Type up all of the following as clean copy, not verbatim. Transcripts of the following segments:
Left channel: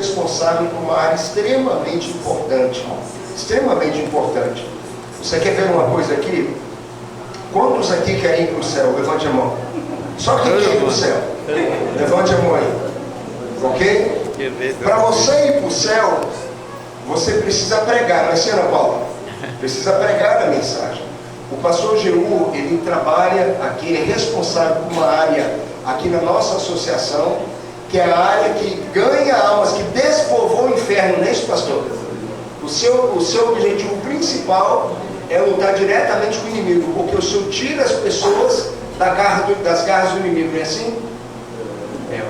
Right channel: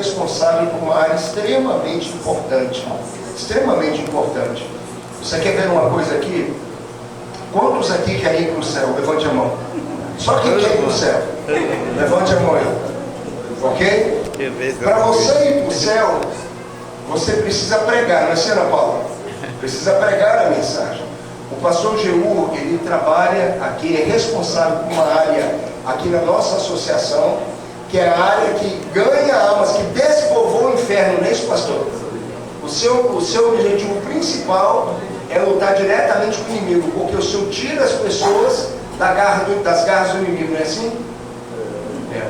responsável por uma área extremamente importante. Extremamente importante. Você quer ver uma coisa aqui? Quantos aqui querem ir para o céu? Levante a mão. Só quem quer ir para o céu. Levante a mão aí. Ok? Para você ir para o céu, você precisa pregar, não é assim, Ana Paula? Precisa pregar a mensagem. O pastor Jeú, ele trabalha aqui, é responsável por uma área aqui na nossa associação, que é a área que ganha almas, que despovoa o inferno, não é isso, pastor? O seu objetivo principal é lutar diretamente com o inimigo, porque o Senhor tira as pessoas das garras do inimigo, não é assim?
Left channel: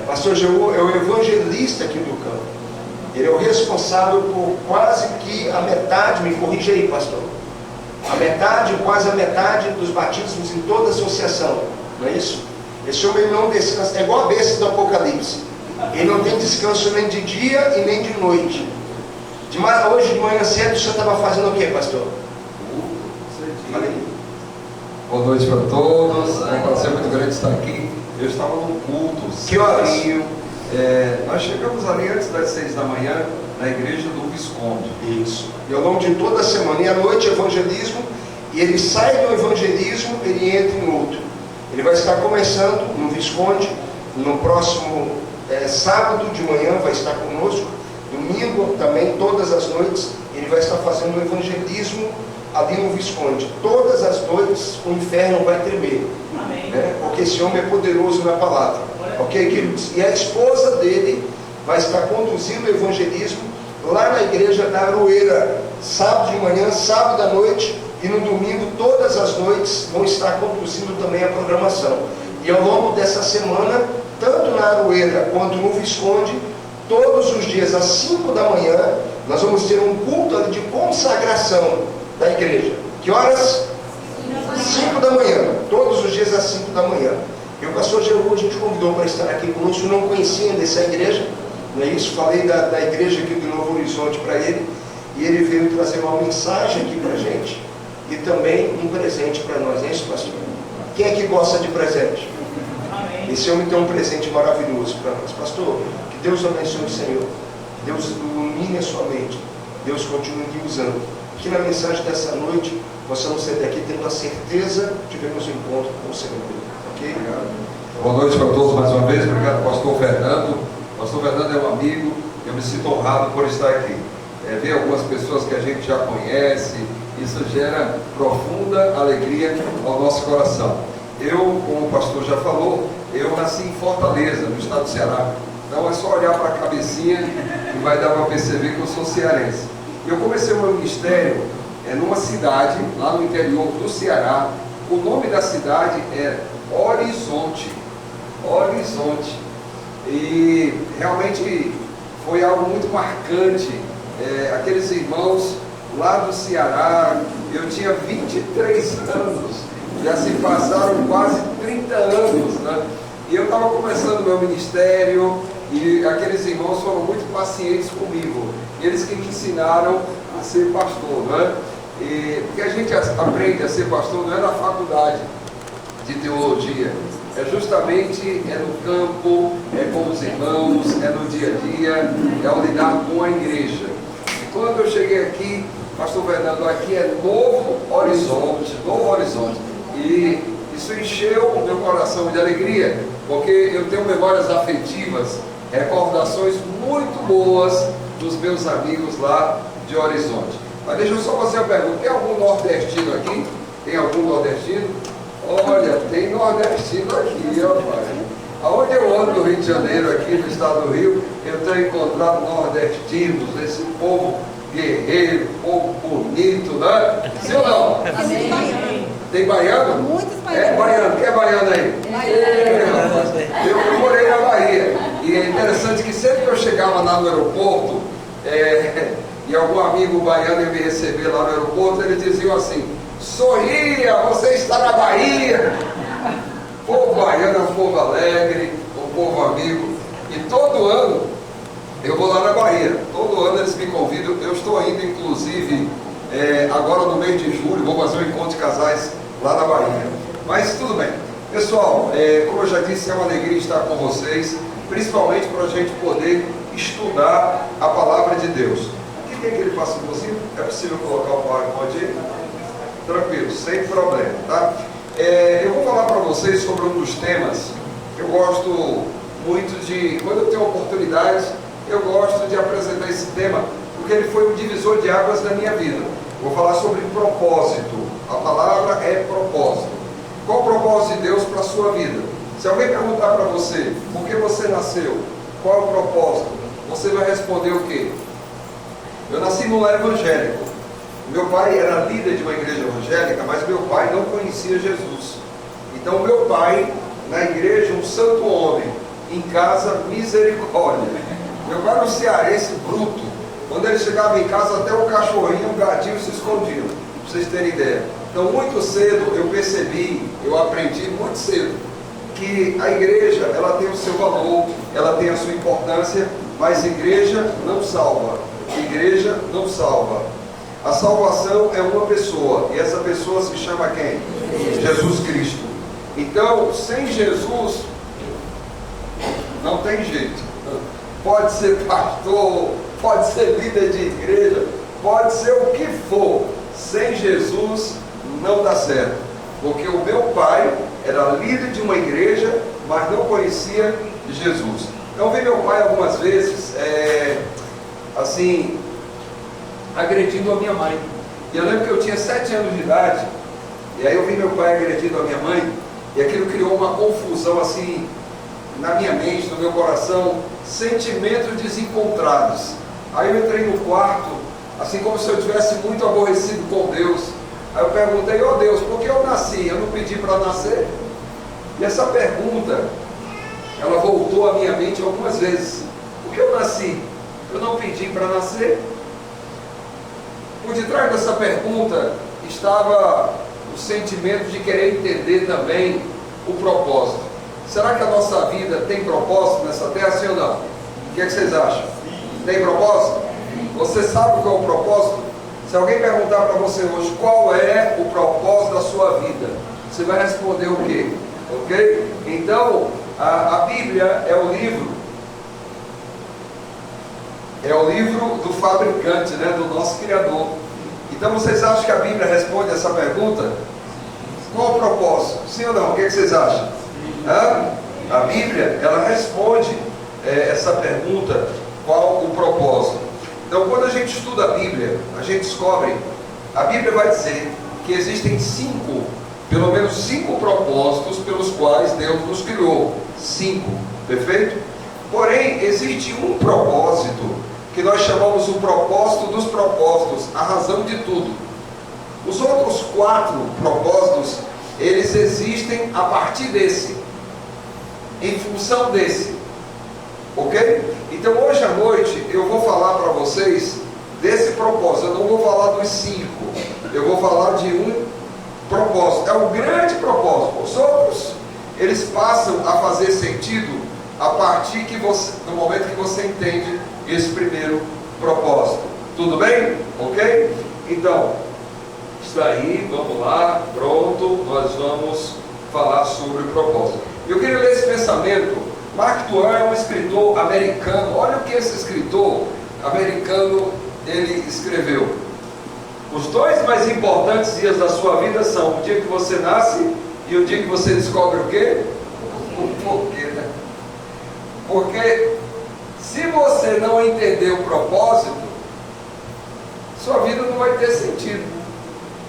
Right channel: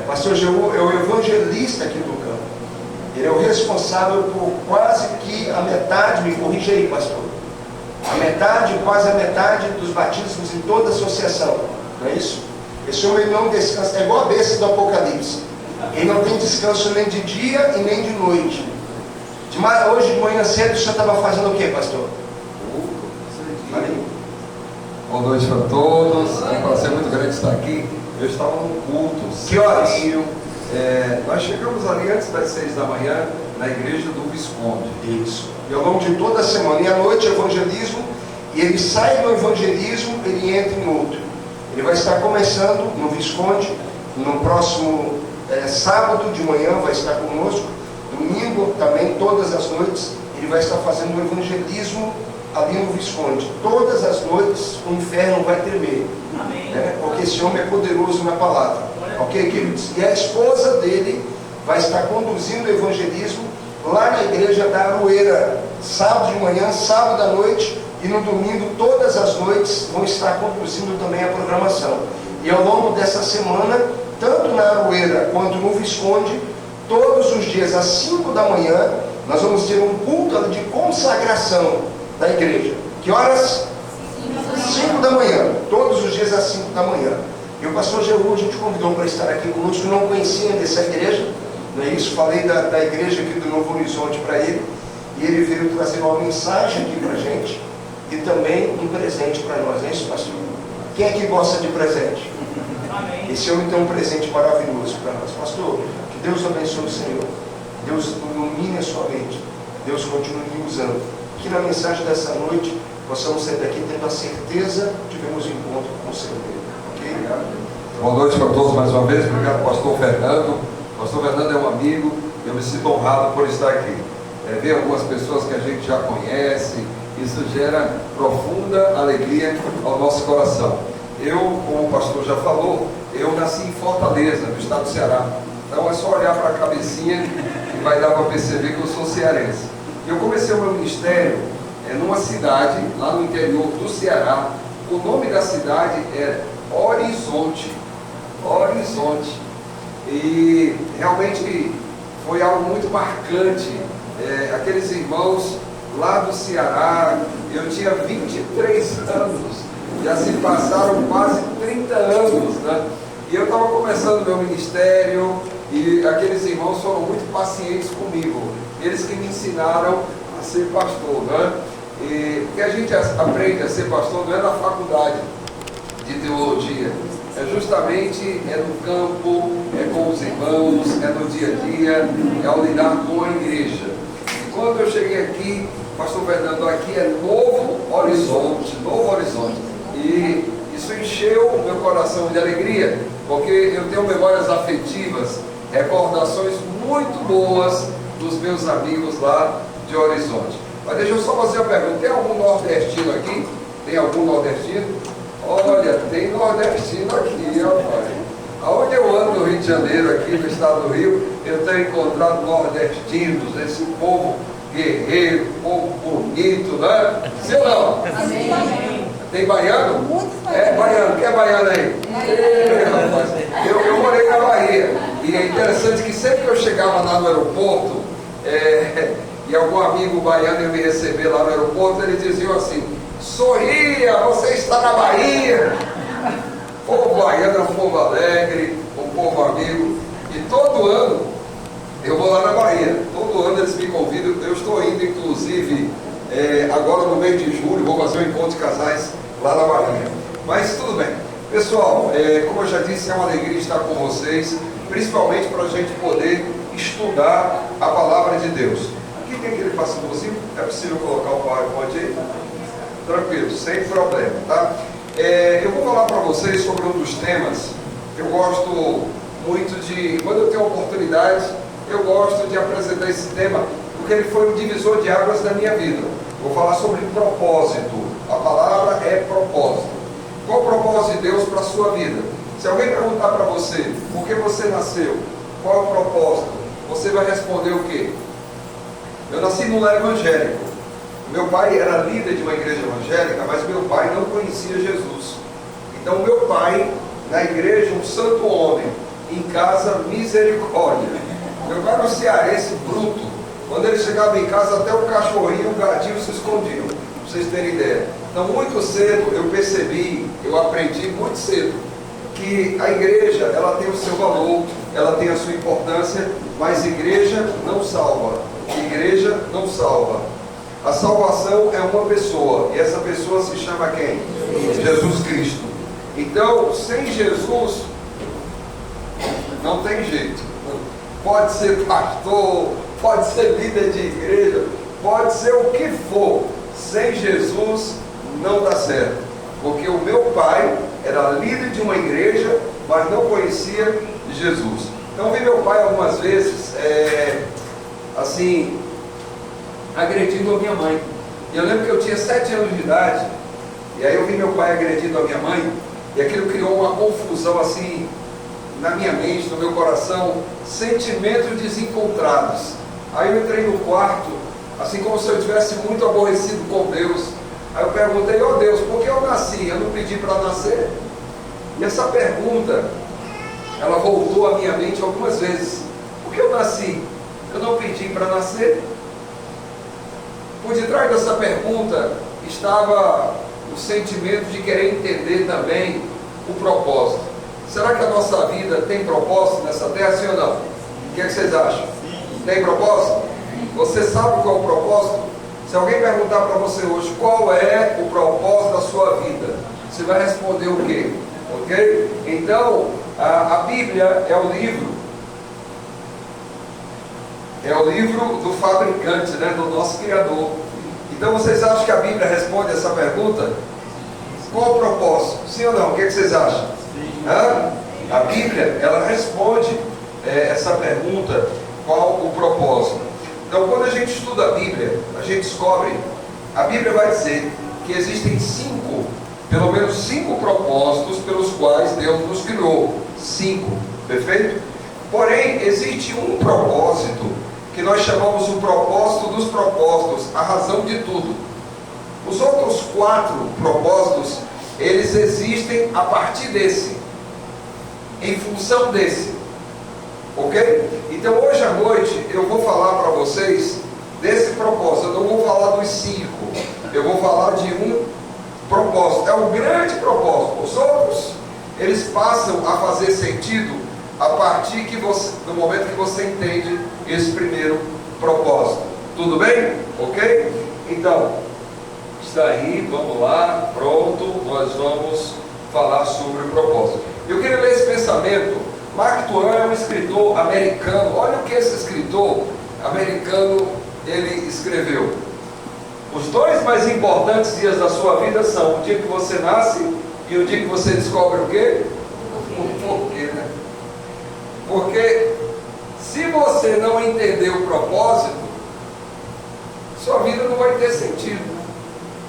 O pastor Jeú é o evangelista aqui do campo. Ele é o responsável por quase que a metade, me corrija aí, pastor, quase a metade dos batismos em toda a associação, não é isso? Esse homem não descansa, é igual a besta do Apocalipse. Ele não tem descanso nem de dia e nem de noite. Hoje de manhã cedo o senhor estava fazendo o que, pastor? Boa noite para todos, é um prazer muito grande estar aqui. Eu estava no culto. Que horas? Nós chegamos ali antes das 6 da manhã na igreja do Visconde. Isso. E ao longo de toda a semana, e à noite evangelismo, e ele sai do evangelismo, ele entra em outro. Ele vai estar começando no Visconde, no próximo sábado de manhã vai estar conosco, domingo também, todas as noites, ele vai estar fazendo o evangelismo ali no Visconde. Todas as noites o inferno vai tremer. Amém. Né? Porque esse homem é poderoso na palavra. Ok, queridos? E a esposa dele vai estar conduzindo o evangelismo lá na igreja da Aroeira, sábado de manhã, sábado à noite, e no domingo, todas as noites, vão estar conduzindo também a programação. E ao longo dessa semana, tanto na Aroeira quanto no Visconde, todos os dias às 5 da manhã, nós vamos ter um culto ali de consagração da igreja. Que horas? 5 da manhã, todos os dias às 5 da manhã. E o pastor Jeú, a gente convidou para estar aqui conosco, não conhecia ainda essa igreja, não é isso? Falei da igreja aqui do Novo Horizonte para ele, e ele veio trazer uma mensagem aqui para a gente, e também um presente para nós, não é isso, pastor? Quem é que gosta de presente? Amém. Esse homem tem um presente maravilhoso para nós. Pastor, que Deus abençoe o Senhor, Deus ilumine a sua mente, Deus continue usando, que na mensagem dessa noite possamos sair daqui tendo a certeza de termos um encontro com o Senhor. Ok? Obrigado. Boa noite para todos mais uma vez. Obrigado, pastor Fernando. Pastor Fernando é um amigo, eu me sinto honrado por estar aqui. Ver algumas pessoas que a gente já conhece, isso gera profunda alegria ao nosso coração. Eu, como o pastor já falou, eu nasci em Fortaleza, no estado do Ceará. Então é só olhar para a cabecinha e vai dar para perceber que eu sou cearense. Eu comecei o meu ministério numa cidade, lá no interior do Ceará. O nome da cidade é Horizonte. Horizonte. E realmente foi algo muito marcante. Aqueles irmãos lá do Ceará, eu tinha 23 anos, já se passaram quase 30 anos, né? E eu estava começando meu ministério, e aqueles irmãos foram muito pacientes comigo, eles que me ensinaram a ser pastor, né? Porque a gente aprende a ser pastor não é na faculdade de teologia, é justamente no campo, é com os irmãos, é no dia a dia, é ao lidar com a igreja. E quando eu cheguei aqui, pastor Fernando, aqui é Novo Horizonte, e isso encheu o meu coração de alegria, porque eu tenho memórias afetivas, recordações muito boas dos meus amigos lá de Horizonte. Mas deixa eu só fazer uma pergunta: tem algum nordestino aqui? Tem algum nordestino? Olha, tem nordestino aqui, rapaz. Aonde eu ando no Rio de Janeiro, aqui no estado do Rio, eu tenho encontrado nordestinos, esse povo guerreiro, povo bonito, né? Sim ou não? Amém. Tem baiano? Muitos Baiano. Quem é baiano aí? Eu morei na Bahia. E é interessante que sempre que eu chegava lá no aeroporto, e algum amigo baiano ia me receber lá no aeroporto, eles diziam assim: sorria, você está na Bahia. O povo baiano é um povo alegre, um povo amigo. E todo ano eu vou lá na Bahia. Todo ano eles me convidam. Eu estou indo, inclusive, agora no mês de julho, vou fazer um encontro de casais lá na Bahia. Mas tudo bem. Pessoal, como eu já disse, é uma alegria estar com vocês, principalmente para a gente poder estudar a palavra de Deus. Aqui tem aquele passaporzinho, é possível colocar o PowerPoint aí? Tranquilo, sem problema, tá? Eu vou falar para vocês sobre um dos temas. Eu gosto muito de, quando eu tenho oportunidade, eu gosto de apresentar esse tema, porque ele foi um divisor de águas da minha vida. Vou falar sobre propósito. A palavra é propósito. Qual o propósito de Deus para a sua vida? Se alguém perguntar para você, por que você nasceu? Qual é o propósito? Você vai responder o quê? Eu nasci num lar evangélico. Meu pai era líder de uma igreja evangélica, mas meu pai não conhecia Jesus. Então meu pai, na igreja, um santo homem, em casa, misericórdia. Meu pai era um cearense bruto. Quando ele chegava em casa, até o cachorrinho e o gatinho se escondiam, para vocês terem ideia. Então muito cedo eu percebi, eu aprendi muito cedo, que a igreja, ela tem o seu valor, ela tem a sua importância, mas igreja não salva. Igreja não salva. A salvação é uma pessoa, e essa pessoa se chama quem? Jesus Cristo. Então, sem Jesus, não tem jeito. Pode ser pastor, pode ser líder de igreja, pode ser o que for. Sem Jesus, não dá certo. Porque o meu pai era líder de uma igreja, mas não conhecia Jesus. Então, vi meu pai algumas vezes, agredindo a minha mãe. E eu lembro que eu tinha 7 anos de idade, e aí eu vi meu pai agredindo a minha mãe, e aquilo criou uma confusão assim, na minha mente, no meu coração, sentimentos desencontrados. Aí eu entrei no quarto, assim como se eu tivesse muito aborrecido com Deus. Aí eu perguntei, ó Deus, por que eu nasci? Eu não pedi para nascer? E essa pergunta, ela voltou à minha mente algumas vezes. Por que eu nasci? Eu não pedi para nascer? Por detrás dessa pergunta estava o sentimento de querer entender também o propósito. Será que a nossa vida tem propósito nessa terra, sim ou não? O que vocês acham? Tem propósito? Você sabe qual é o propósito? Se alguém perguntar para você hoje qual é o propósito da sua vida, você vai responder o quê? Ok? Então, a Bíblia é o livro do fabricante, né, do nosso Criador. Então vocês acham que a Bíblia responde essa pergunta? Qual o propósito? Sim ou não? O que vocês acham? A Bíblia, ela responde essa pergunta, qual o propósito. Então quando a gente estuda a Bíblia, a gente descobre, a Bíblia vai dizer que existem pelo menos 5 propósitos pelos quais Deus nos criou. 5, perfeito? Porém, existe um propósito que nós chamamos o propósito dos propósitos, a razão de tudo. Os outros 4 propósitos, eles existem a partir desse, em função desse, ok? Então hoje à noite eu vou falar para vocês desse propósito. Eu não vou falar dos 5, eu vou falar de um propósito, é um grande propósito. Os outros, eles passam a fazer sentido a partir do momento que você entende esse primeiro propósito. Tudo bem? Ok? Então, está aí, vamos lá, pronto, nós vamos falar sobre o propósito. Eu queria ler esse pensamento. Mark Twain é um escritor americano. Olha o que esse escritor americano ele escreveu. Os 2 mais importantes dias da sua vida são o dia que você nasce e o dia que você descobre o quê? O porquê, né? Porque se você não entender o propósito, sua vida não vai ter sentido.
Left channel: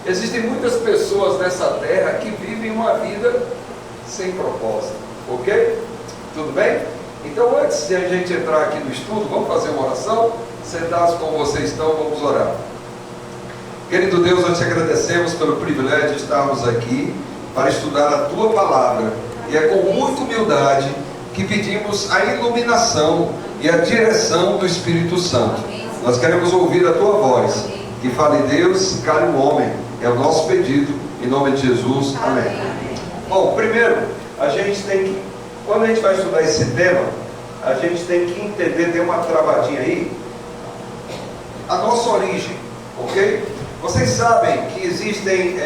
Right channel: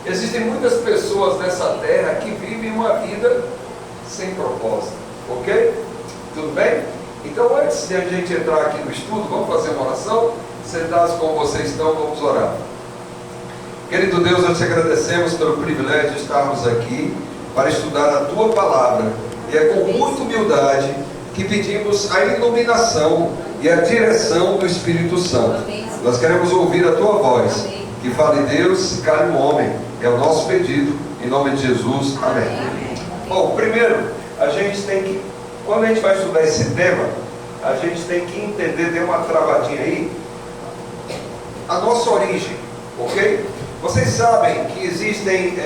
Existem muitas pessoas nessa terra que vivem uma vida sem propósito, ok? Tudo bem? Então antes de a gente entrar aqui no estudo, vamos fazer uma oração? Sentados como vocês estão, vamos orar. Querido Deus, nós te agradecemos pelo privilégio de estarmos aqui para estudar a Tua Palavra. E é com muita humildade que pedimos a iluminação e a direção do Espírito Santo. Nós queremos ouvir a Tua voz. Que fale Deus e cale o homem. É o nosso pedido. Em nome de Jesus. Amém. Bom, primeiro, a gente tem que, quando a gente vai estudar esse tema, a gente tem que entender, tem uma travadinha aí, a nossa origem, ok? Vocês sabem que existem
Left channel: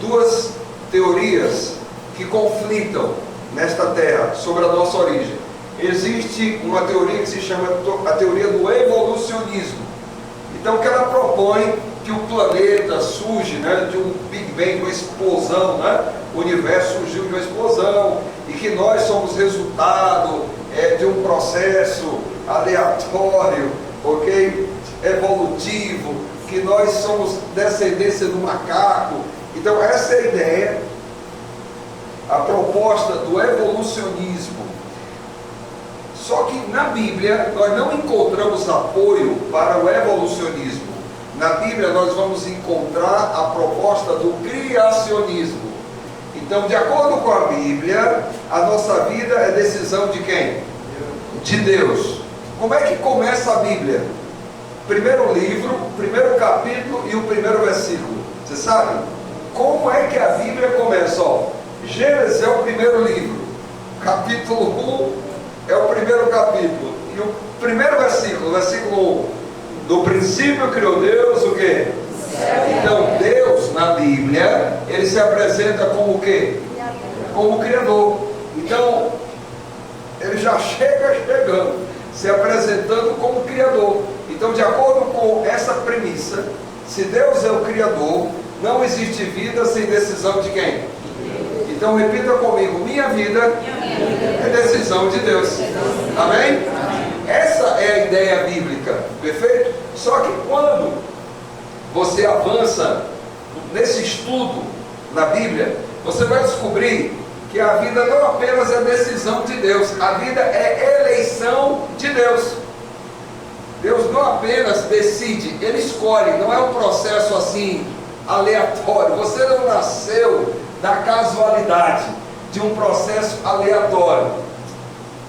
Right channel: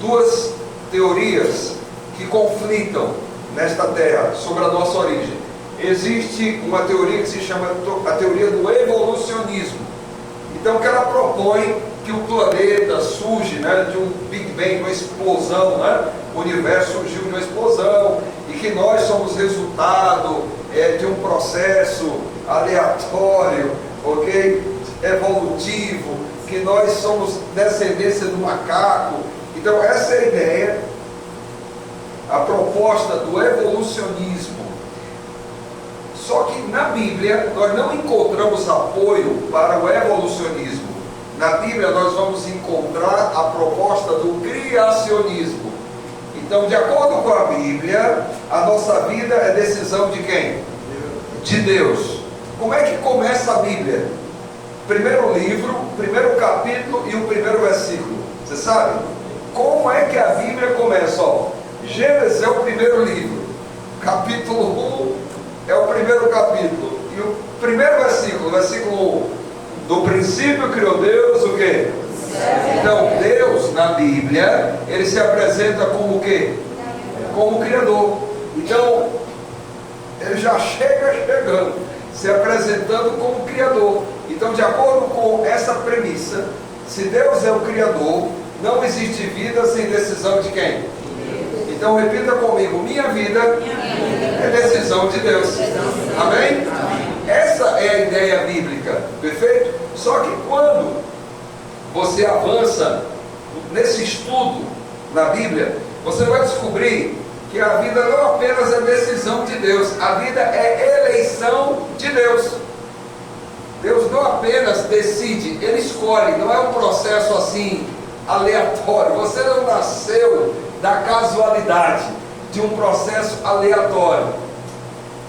2 teorias que conflitam nesta terra sobre a nossa origem. existe uma teoria que se chama a teoria do evolucionismo. Então, que ela propõe que o planeta surge, né, de um Big Bang, uma explosão, né? O universo surgiu de uma explosão e que nós somos resultado de um processo aleatório, ok? Evolutivo, que nós somos descendência do macaco. Então, essa é a ideia, a proposta do evolucionismo. Só que na Bíblia nós não encontramos apoio para o evolucionismo. Na Bíblia nós vamos encontrar a proposta do criacionismo. Então, de acordo com a Bíblia, a nossa vida é decisão de quem? De Deus. Como é que começa a Bíblia? Primeiro livro, primeiro capítulo e o primeiro versículo. Você sabe? Como é que a Bíblia começa? Ó, Gênesis é o primeiro livro, capítulo 1 é o primeiro capítulo, e o primeiro versículo, versículo 1, do princípio criou Deus o quê? Então Deus na Bíblia, ele se apresenta como o quê? Como Criador. Então ele já chega chegando, se apresentando como Criador. Então, de acordo com essa premissa, se Deus é o Criador, não existe vida sem decisão de quem? Então repita comigo: minha vida é decisão de Deus. Amém? Essa é a ideia bíblica, perfeito? Só que quando você avança nesse estudo na Bíblia, você vai descobrir que a vida não apenas é decisão de Deus, a vida é eleição de Deus. Deus não apenas decide, Ele escolhe, não é um processo assim aleatório. Você não nasceu da casualidade, de um processo aleatório.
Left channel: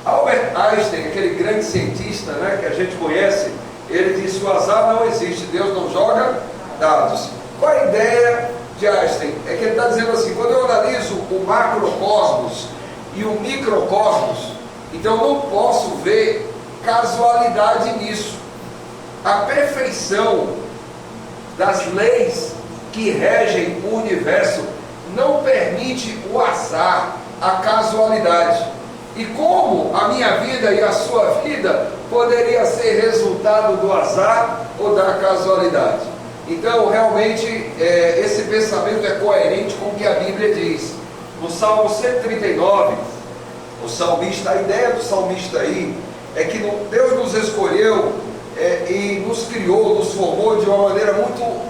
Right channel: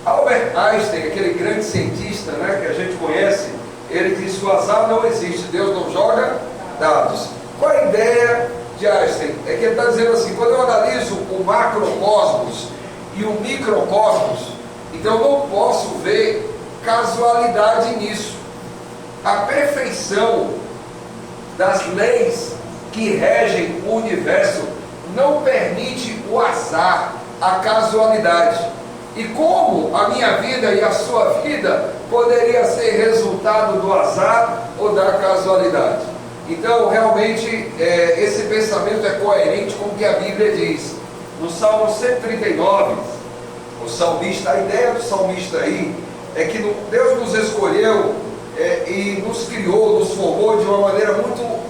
Albert Einstein, aquele grande cientista, né, que a gente conhece, ele diz que o azar não existe, Deus não joga dados. Qual a ideia de Einstein? É que ele está dizendo assim: quando eu analiso o macrocosmos e o microcosmos, então eu não posso ver casualidade nisso. A perfeição das leis que regem o universo não permite o azar, a casualidade. E como a minha vida e a sua vida poderia ser resultado do azar ou da casualidade? Então, realmente, esse pensamento é coerente com o que a Bíblia diz. No Salmo 139, o salmista, a ideia do salmista aí é que Deus nos escolheu e nos criou, nos formou de uma maneira muito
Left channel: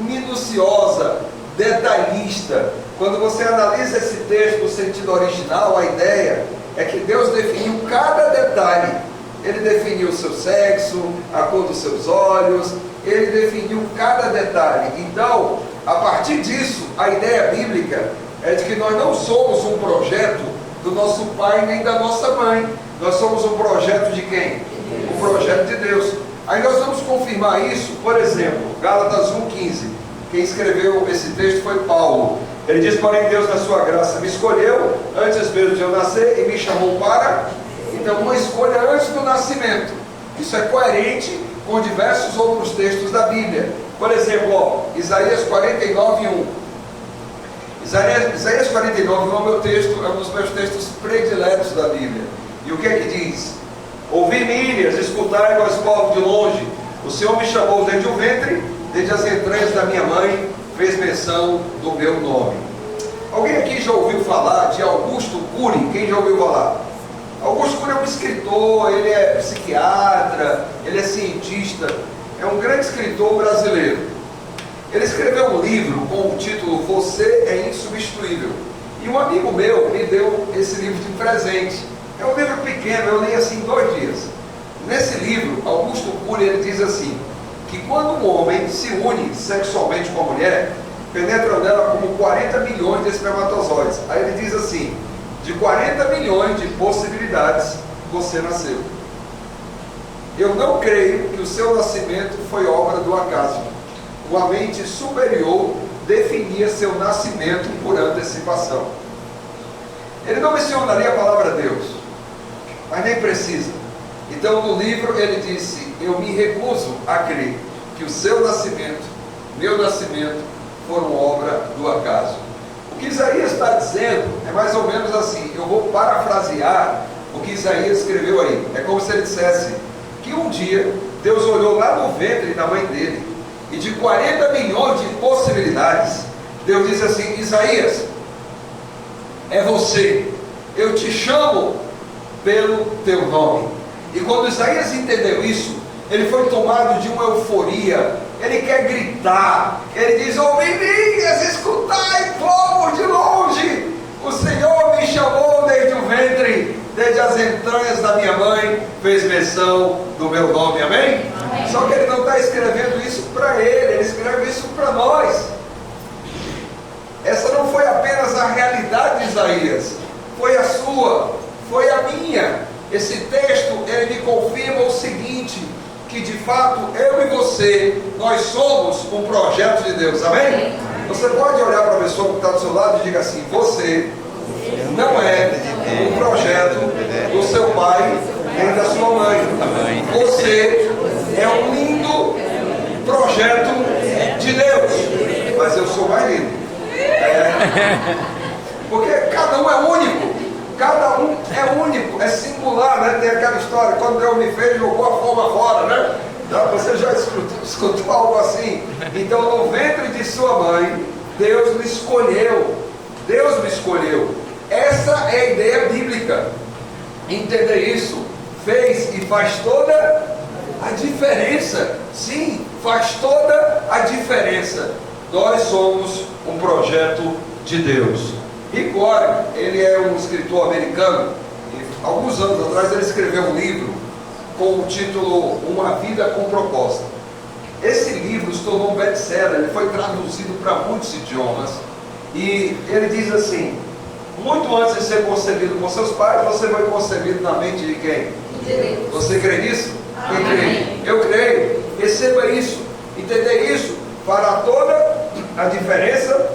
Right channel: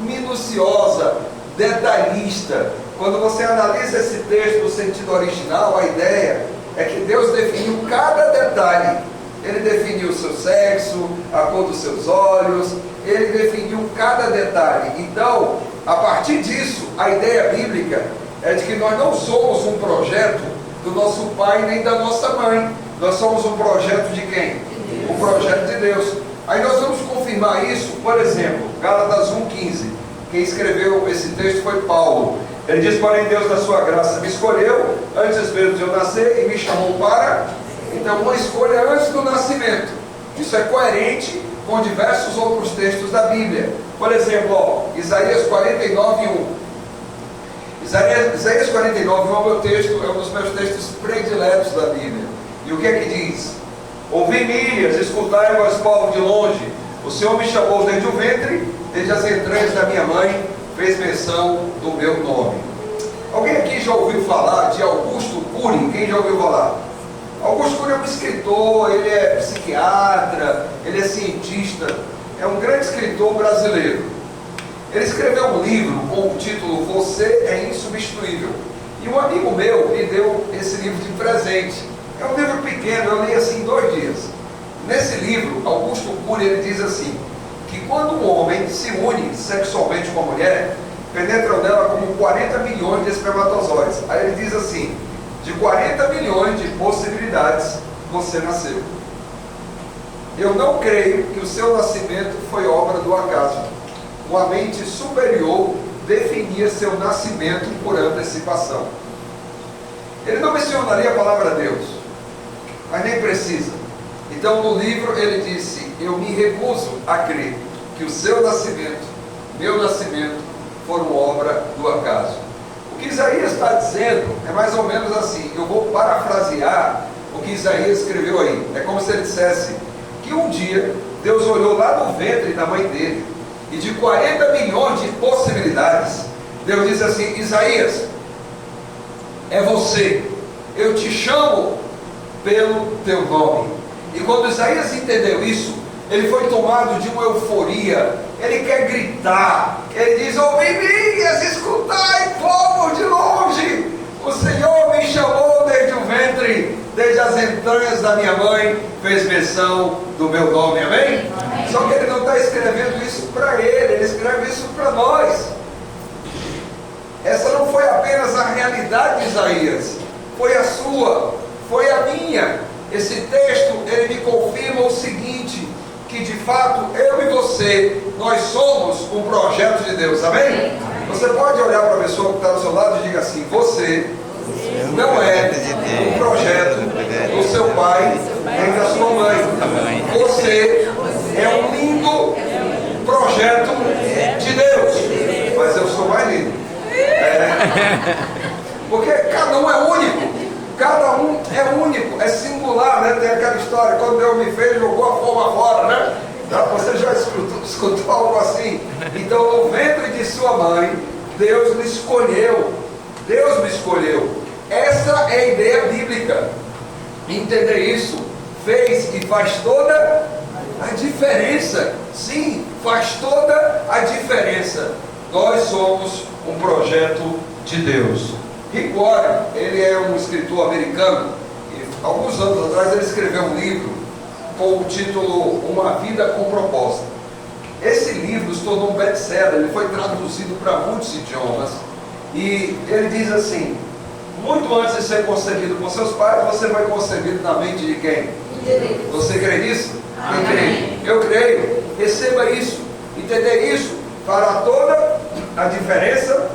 minuciosa, detalhista. Quando você analisa esse texto no sentido original, a ideia é que Deus definiu cada detalhe. Ele definiu o seu sexo, a cor dos seus olhos, Ele definiu cada detalhe. Então, a partir disso, a ideia bíblica é de que nós não somos um projeto do nosso pai nem da nossa mãe. Nós somos um projeto de quem? Um projeto de Deus. Aí nós vamos confirmar isso, por exemplo, Gálatas 1,15. Quem escreveu esse texto foi Paulo. Ele diz: porém Deus na sua graça me escolheu antes mesmo de eu nascer e me chamou para... Então, uma escolha antes do nascimento. Isso é coerente com diversos outros textos da Bíblia. Por exemplo, ó, Isaías 49:1. Isaías 49:1 é o meu texto, é um dos meus textos prediletos da Bíblia. E o que é que diz? Ouvi-me, ilhas, escutai, vós povo de longe. O Senhor me chamou desde o ventre, desde as entranhas da minha mãe, fez menção do meu nome. Alguém aqui já ouviu falar de Augusto Cury? Quem já ouviu falar? Augusto Cury é um escritor, ele é psiquiatra, ele é cientista, é um grande escritor brasileiro. Ele escreveu um livro com o título Você é Insubstituível. E um amigo meu me deu esse livro de presente. É um livro pequeno, eu li assim em 2 dias. Nesse livro, Augusto Cury, ele diz assim, que quando um homem se une sexualmente com a mulher, penetram nela como 40 milhões de espermatozoides. Aí ele diz assim: de 40 milhões de possibilidades, você nasceu. Eu não creio que o seu nascimento foi obra do acaso. Uma mente superior definia seu nascimento por antecipação. Ele não mencionaria a palavra Deus, mas nem precisa. Então no livro ele disse: eu me recuso a crer que o seu nascimento, meu nascimento, foram obra do acaso. O que Isaías está dizendo é mais ou menos assim, eu vou parafrasear o que Isaías escreveu aí. É como se ele dissesse que um dia Deus olhou lá no ventre da mãe dele, e de 40 milhões de possibilidades, Deus disse assim: Isaías, é você, eu te chamo pelo teu nome. E quando Isaías entendeu isso, ele foi tomado de uma euforia, ele quer gritar, ele diz: ouvi-me, escutai, povo de longe, o Senhor me chamou desde o ventre, desde as entranhas da minha mãe, fez menção do meu nome, amém? Amém. Só que ele não está escrevendo isso para ele escreve isso para nós. Essa não foi apenas a realidade de Isaías, foi a sua, foi a minha. Esse texto, ele me confirma o seguinte, que de fato, eu e você, nós somos um projeto de Deus, amém? Você pode olhar para a pessoa que está do seu lado e diga assim: você não é um projeto do seu pai nem da sua mãe. Você é um lindo projeto de Deus. Mas eu sou mais lindo. Porque cada um é único. Cada um é único, é singular, né? Tem aquela história, quando Deus me fez, jogou a forma fora, né? Você já escutou algo assim? Então, no ventre de sua mãe, Deus me escolheu. Deus me escolheu. Essa é a ideia bíblica. Entender isso fez e faz toda a diferença. Sim, faz toda a diferença. Nós somos um projeto de Deus. Rick Warren, ele é um escritor americano. Alguns anos atrás ele escreveu um livro com o título Uma Vida com Propósito. Esse livro se tornou um best-seller, ele foi traduzido para muitos idiomas. E ele diz assim: muito antes de ser concebido por seus pais, você foi concebido na mente de quem? Você crê nisso? Quem crê? Eu creio. Receba isso. Entender isso fará toda a diferença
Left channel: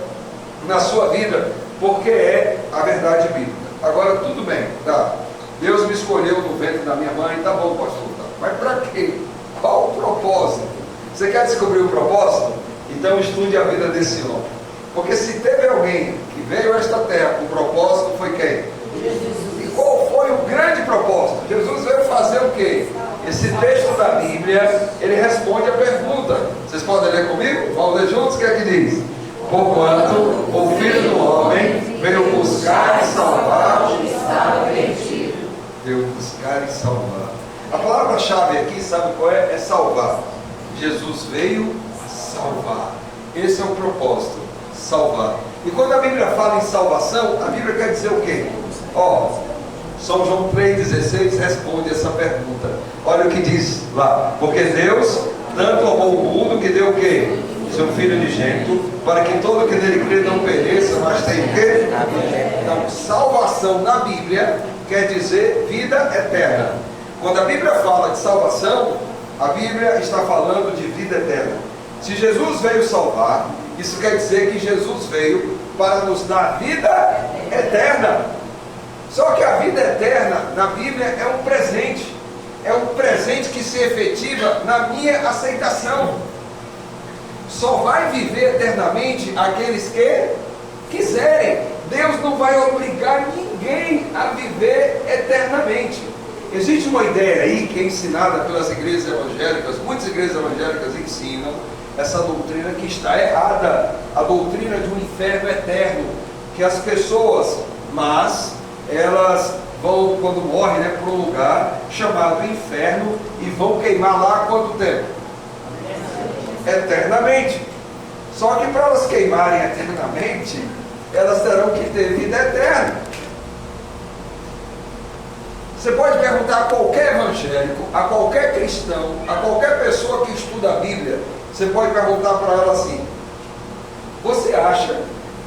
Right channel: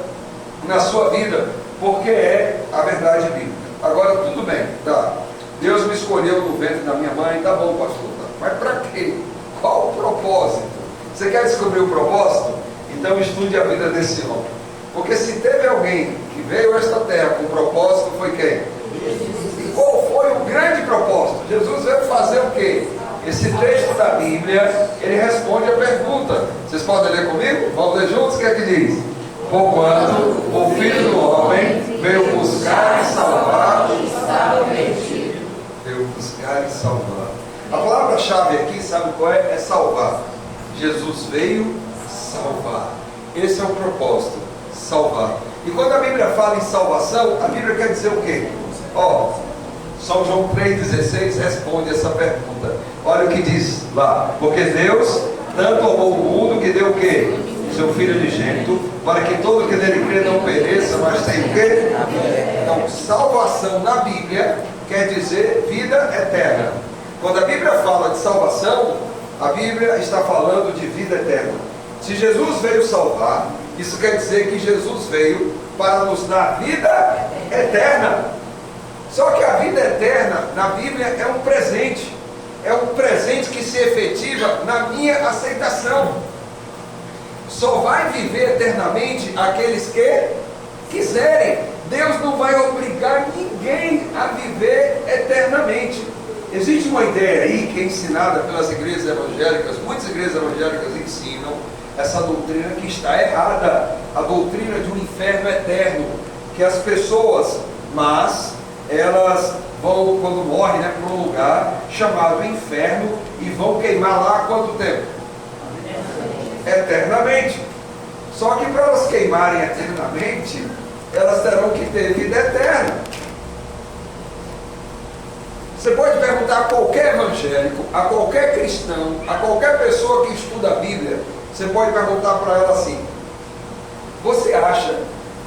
na sua vida, porque é a verdade bíblica. Agora, tudo bem, tá? Deus me escolheu no ventre da minha mãe, tá bom, pastor, tá? Mas para quê? Qual o propósito? Você quer descobrir o propósito? Então estude a vida desse homem. Porque se teve alguém que veio a esta terra com propósito, foi quem? E qual foi o grande propósito? Jesus veio fazer o quê? Esse texto da Bíblia, ele responde a pergunta. Vocês podem ler comigo? Vamos ler juntos? O que é que diz? Porquanto o Filho do Homem veio buscar e salvar o que estava perdido. Veio buscar e salvar. A palavra-chave aqui, sabe qual é? É salvar. Jesus veio salvar. Esse é o propósito, salvar. E quando a Bíblia fala em salvação, a Bíblia quer dizer o quê? São João 3,16 responde essa pergunta. Olha o que diz lá: porque Deus tanto amou o mundo que deu o quê? Seu Filho unigênito, para que todo que nele crê não pereça, mas tenha o quê? Então, salvação na Bíblia quer dizer vida eterna. Quando a Bíblia fala de salvação, a Bíblia está falando de vida eterna. Se Jesus veio salvar, isso quer dizer que Jesus veio para nos dar vida eterna. Só que a vida eterna na Bíblia é um presente. É um presente que se efetiva na minha aceitação. Só vai viver eternamente aqueles que quiserem. Deus não vai obrigar ninguém a viver eternamente. Existe uma ideia aí que é ensinada pelas igrejas evangélicas. Muitas igrejas evangélicas ensinam essa doutrina que está errada. A doutrina de um inferno eterno. Que as pessoas, elas vão, quando morrem, para um lugar chamado inferno e vão queimar lá há quanto tempo? Eternamente. Só que para elas queimarem eternamente, elas terão que ter vida eterna. Você pode perguntar a qualquer evangélico, a qualquer cristão, a qualquer pessoa que estuda a Bíblia, você pode perguntar para ela assim: você acha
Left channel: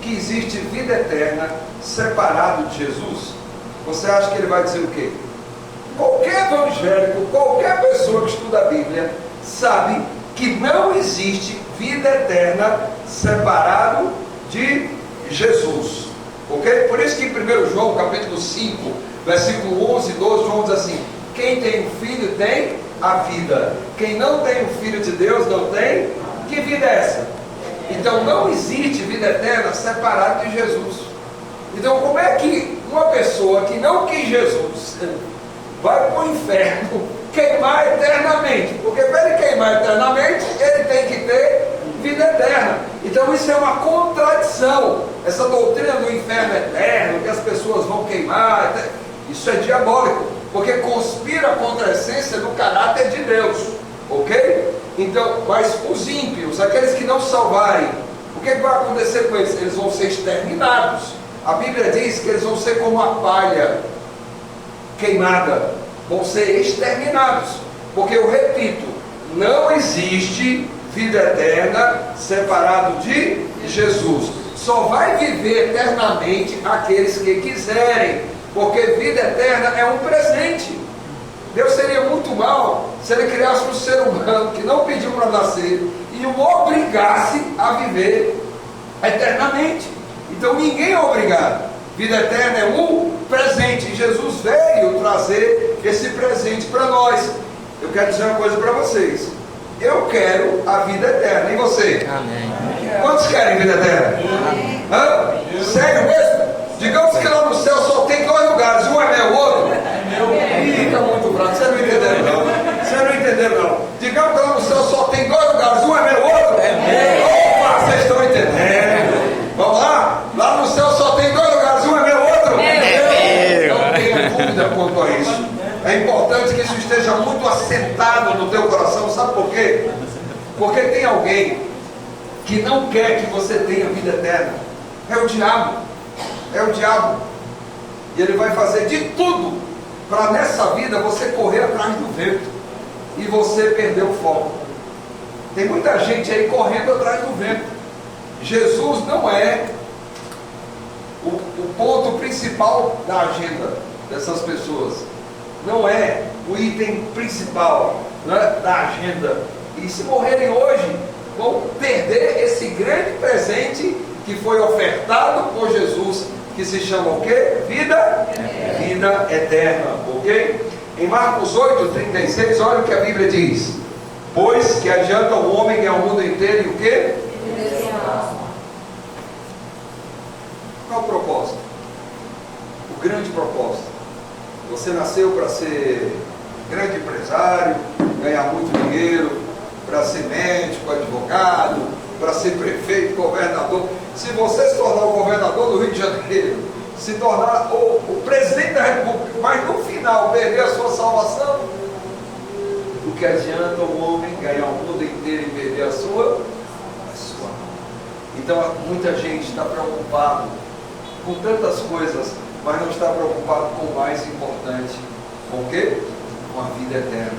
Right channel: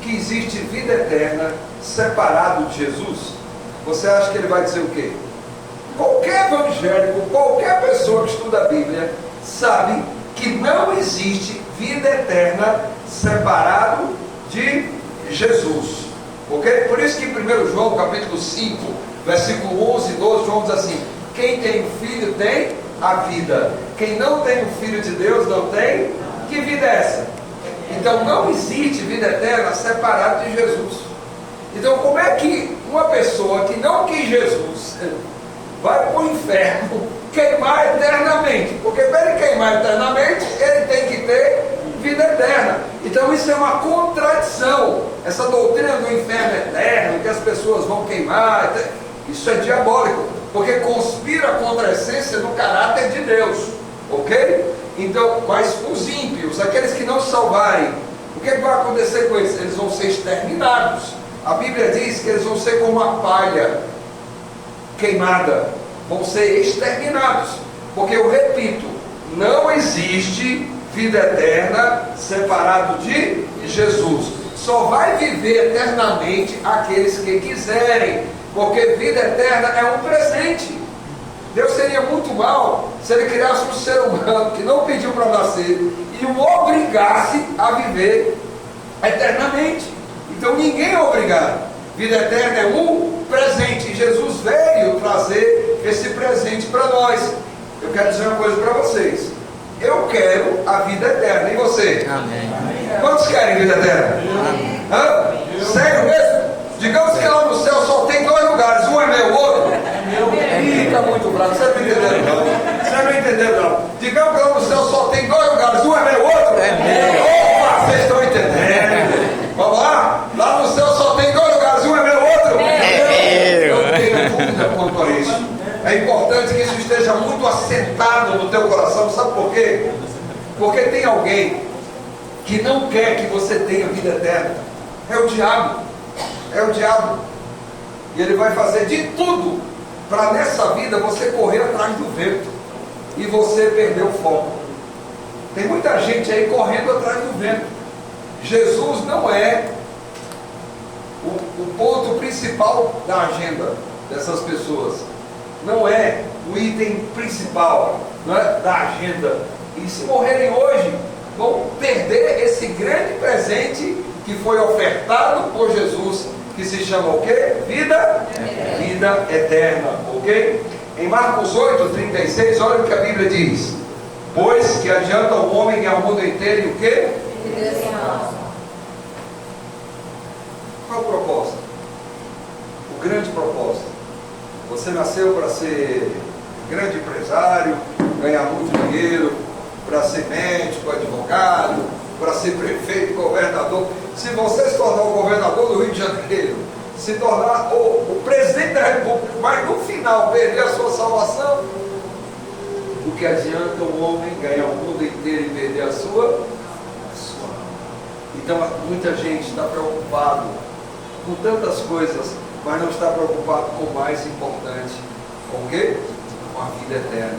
que existe vida eterna separado de Jesus? Você acha que ele vai dizer o quê? Qualquer evangélico, qualquer pessoa que estuda a Bíblia sabe que não existe vida eterna separado de Jesus. Ok? Por isso que em 1 João capítulo 5, versículo 11 e 12, João diz assim: quem tem um filho tem a vida, quem não tem o Filho de Deus não tem. Que vida é essa? Então não existe vida eterna separada de Jesus. Então como é que uma pessoa que não quis Jesus vai para o inferno queimar eternamente, porque para ele queimar eternamente, ele tem que ter vida eterna. Então isso é uma contradição, essa doutrina do inferno eterno, que as pessoas vão queimar, isso é diabólico, porque conspira contra a essência do caráter de Deus, ok? Então, mas os ímpios, aqueles que não salvarem, o que vai acontecer com eles? Eles vão ser exterminados. A Bíblia diz que eles vão ser como uma palha queimada, vão ser exterminados, porque eu repito, não existe vida eterna separado de Jesus. Só vai viver eternamente aqueles que quiserem, porque vida eterna é um presente. Deus seria muito mal se ele criasse um ser humano que não pediu para nascer e o obrigasse a viver eternamente. Então ninguém é obrigado. Vida eterna é um presente, e Jesus veio trazer esse presente para nós. Eu quero dizer uma coisa para vocês: eu quero a vida eterna, e você? Amém. Quantos querem vida eterna? Amém. Hã? Sério mesmo? Digamos que lá no céu só tem dois lugares, um é meu, o outro fica muito fraco, você não entendeu não? Você não entendeu não? Digamos que lá no céu só tem dois lugares, um é meu, o outro opa, vocês estão entendendo? Vamos lá? Lá no céu só tem dois lugares, um é meu, o outro eu não tenho dúvida quanto a isso. É importante que isso esteja muito assentado no teu coração. Sabe por quê? Porque tem alguém que não quer que você tenha vida eterna. É o diabo. É o diabo. E ele vai fazer de tudo para nessa vida você correr atrás do vento e você perder o foco. Tem muita gente aí correndo atrás do vento. Jesus não é o ponto principal da agenda dessas pessoas. Não é o item principal, não é, da agenda. E se morrerem hoje, vão perder esse grande presente que foi ofertado por Jesus, que se chama o quê? Vida eterna, ok? Em Marcos 8:36, olha o que a Bíblia diz: pois que adianta o homem ganhar o mundo inteiro e o quê? Qual o propósito? O grande propósito. Você nasceu para ser grande empresário, ganhar muito dinheiro, para ser médico, advogado, para ser prefeito, governador. Se você se tornar o governador do Rio de Janeiro, se tornar o presidente da República, mas no final perder a sua salvação, o que adianta o homem ganhar o mundo inteiro e perder a sua alma? Então muita gente está preocupado com tantas coisas, mas não está preocupado com o mais importante. Com o quê? Com a vida eterna.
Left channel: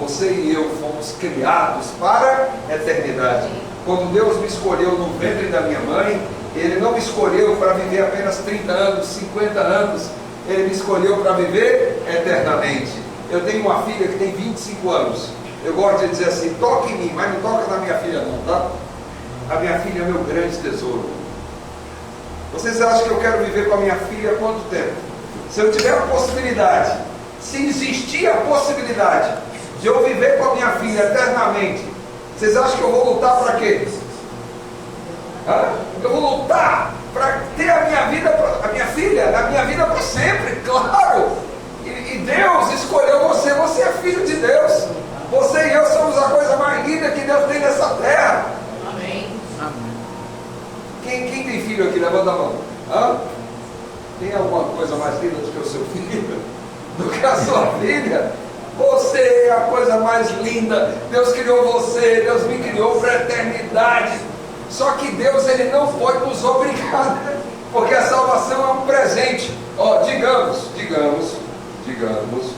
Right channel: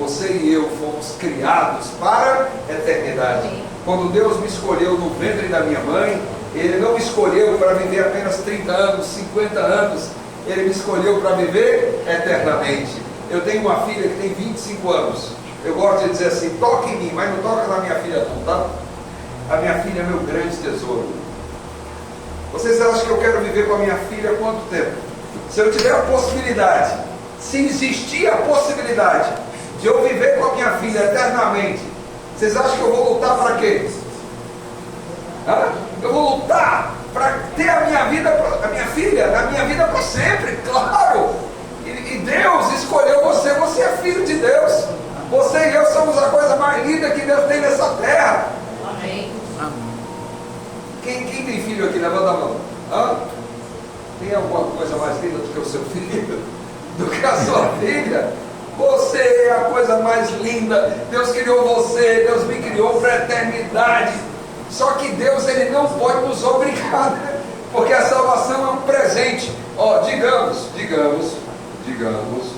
Você e eu fomos criados para a eternidade. Quando Deus me escolheu no ventre da minha mãe, Ele não me escolheu para viver apenas 30 anos, 50 anos. Ele me escolheu para viver eternamente. Eu tenho uma filha que tem 25 anos. Eu gosto de dizer assim: toca em mim, mas não toca na minha filha não, tá? A minha filha é meu grande tesouro. Vocês acham que eu quero viver com a minha filha há quanto tempo? Se eu tiver a possibilidade, se existir a possibilidade de eu viver com a minha filha eternamente, vocês acham que eu vou lutar para quê? Eu vou lutar para ter a minha vida, a minha filha, a minha vida para sempre, claro. E Deus escolheu você, você é filho de Deus. Você e eu somos a coisa mais linda que Deus tem nessa terra. Amém. Quem tem filho aqui? Levanta a mão. Tem alguma coisa mais linda do que o seu filho? Do que a sua filha? Você é a coisa mais linda. Deus criou você, Deus me criou para a eternidade. Só que Deus, Ele não pode nos obrigar, porque a salvação é um presente. Digamos,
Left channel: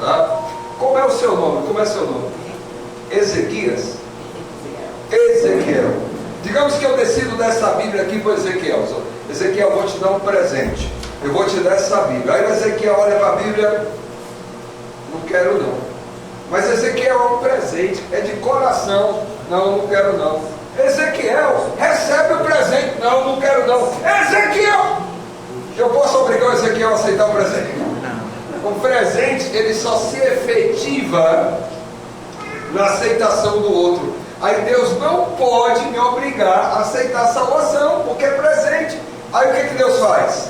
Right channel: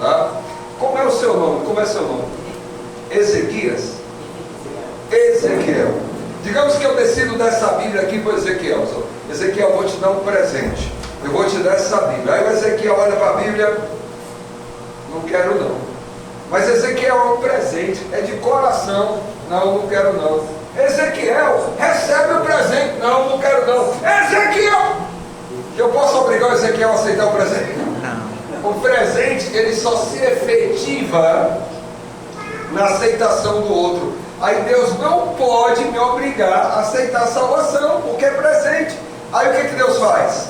tá? Como é o seu nome? Como é seu nome? Ezequias? Ezequiel. Digamos que eu decido dar essa Bíblia aqui para Ezequiel. Ezequiel, eu vou te dar um presente. Eu vou te dar essa Bíblia. Aí o Ezequiel olha para a Bíblia: não quero não. Mas Ezequiel é um presente, é de coração. Não quero não. Ezequiel, recebe o presente. Não quero não. Ezequiel, eu posso obrigar o Ezequiel a aceitar o presente? Não. O presente, ele só se efetiva na aceitação do outro. Aí Deus não pode me obrigar a aceitar a salvação, porque é presente. Aí o que Deus faz?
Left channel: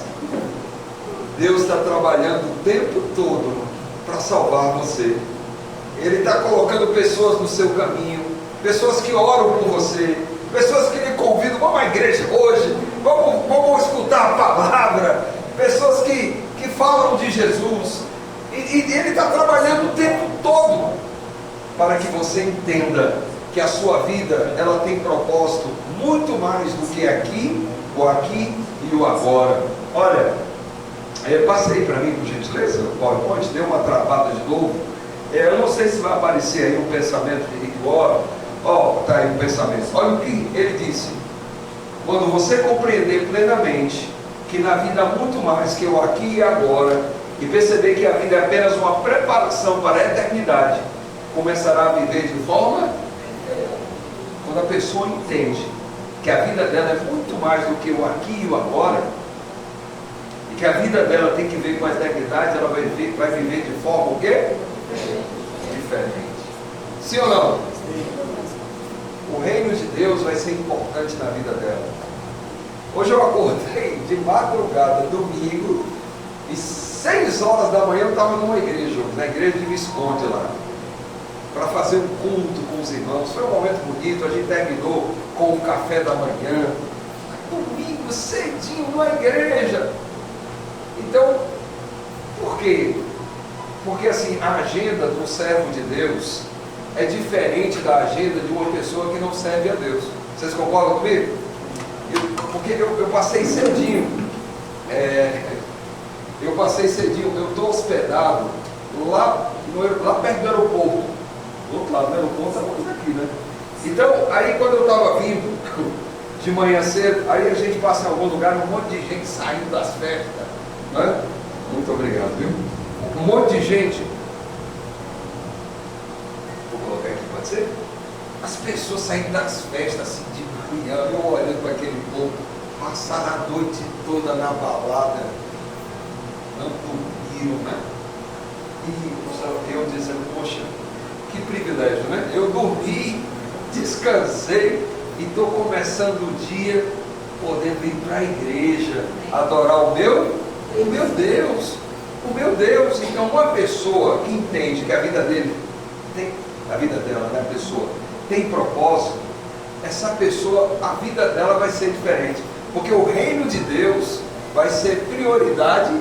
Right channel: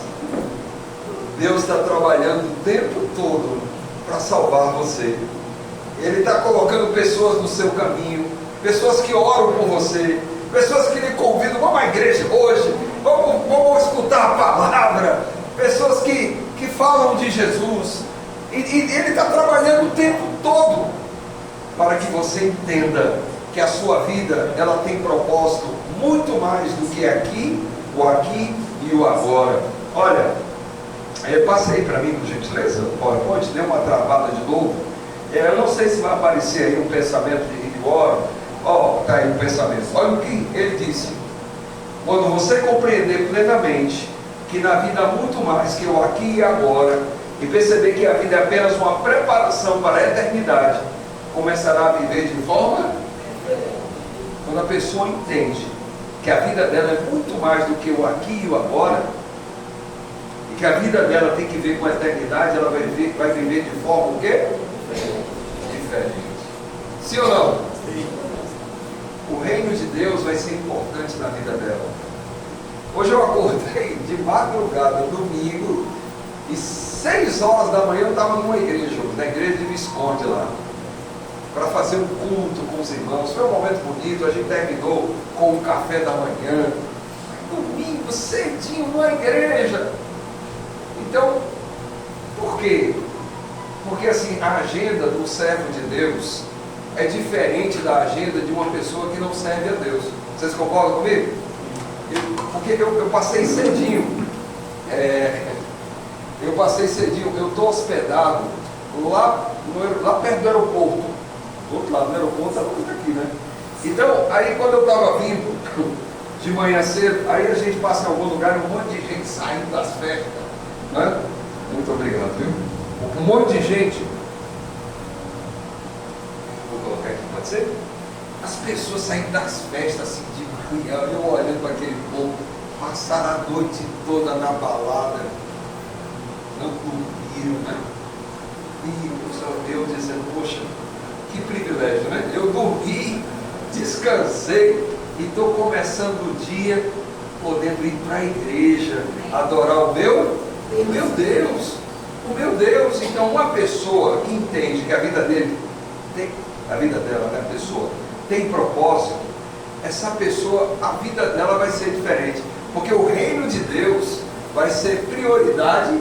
Deus está trabalhando o tempo todo para salvar você. Ele está colocando pessoas no seu caminho, pessoas que oram por você, pessoas que lhe convidam, vamos à igreja hoje, vamos escutar a palavra, pessoas que falam de Jesus, e Ele está trabalhando o tempo todo, para que você entenda que a sua vida, ela tem propósito muito mais do que o aqui e o agora. Olha, passa aí para mim, por gentileza, o PowerPoint, deu uma travada de novo. Eu não sei se vai aparecer aí um pensamento de Rick Warren. Está aí um pensamento. Olha o que ele disse: quando você compreender plenamente que na vida há muito mais que o aqui e agora, e perceber que a vida é apenas uma preparação para a eternidade, começará a viver de forma... Quando a pessoa entende que a vida dela é muito mais do que o aqui e o agora, e que a vida dela tem que ver com a eternidade, ela vai viver de forma o quê? Diferente. Sim ou não? Sim. O reino de Deus vai ser importante na vida dela. Hoje eu acordei de madrugada, domingo, e 6 horas da manhã eu estava numa igreja, na igreja de Visconde lá, para fazer um culto com os irmãos. Foi um momento bonito, a gente terminou com o café da manhã, domingo, cedinho, numa igreja. Então, por quê? Porque assim, a agenda do servo de Deus é diferente da agenda de uma pessoa que não serve a Deus. Vocês concordam comigo? Porque eu passei cedinho, eu estou hospedado lá perto do aeroporto, do outro lado do aeroporto, agora daqui, né? Então, aí quando eu estava vindo de manhã cedo, aí a gente passa em algum lugar, um monte de gente saindo das festas, né? Muito obrigado, viu? Um monte de gente. Vou colocar aqui, pode ser? As pessoas saindo das festas assim de manhã, eu olhando para aquele povo, passaram a noite toda na balada, não dormiram, né? E eu dizendo, poxa, que privilégio, né? Eu dormi, descansei e estou começando o dia podendo ir para a igreja, adorar o meu Deus. O meu Deus. Então, uma pessoa que entende que a vida dela, né, a pessoa tem propósito, essa pessoa, a vida dela vai ser diferente, porque o reino de Deus vai ser prioridade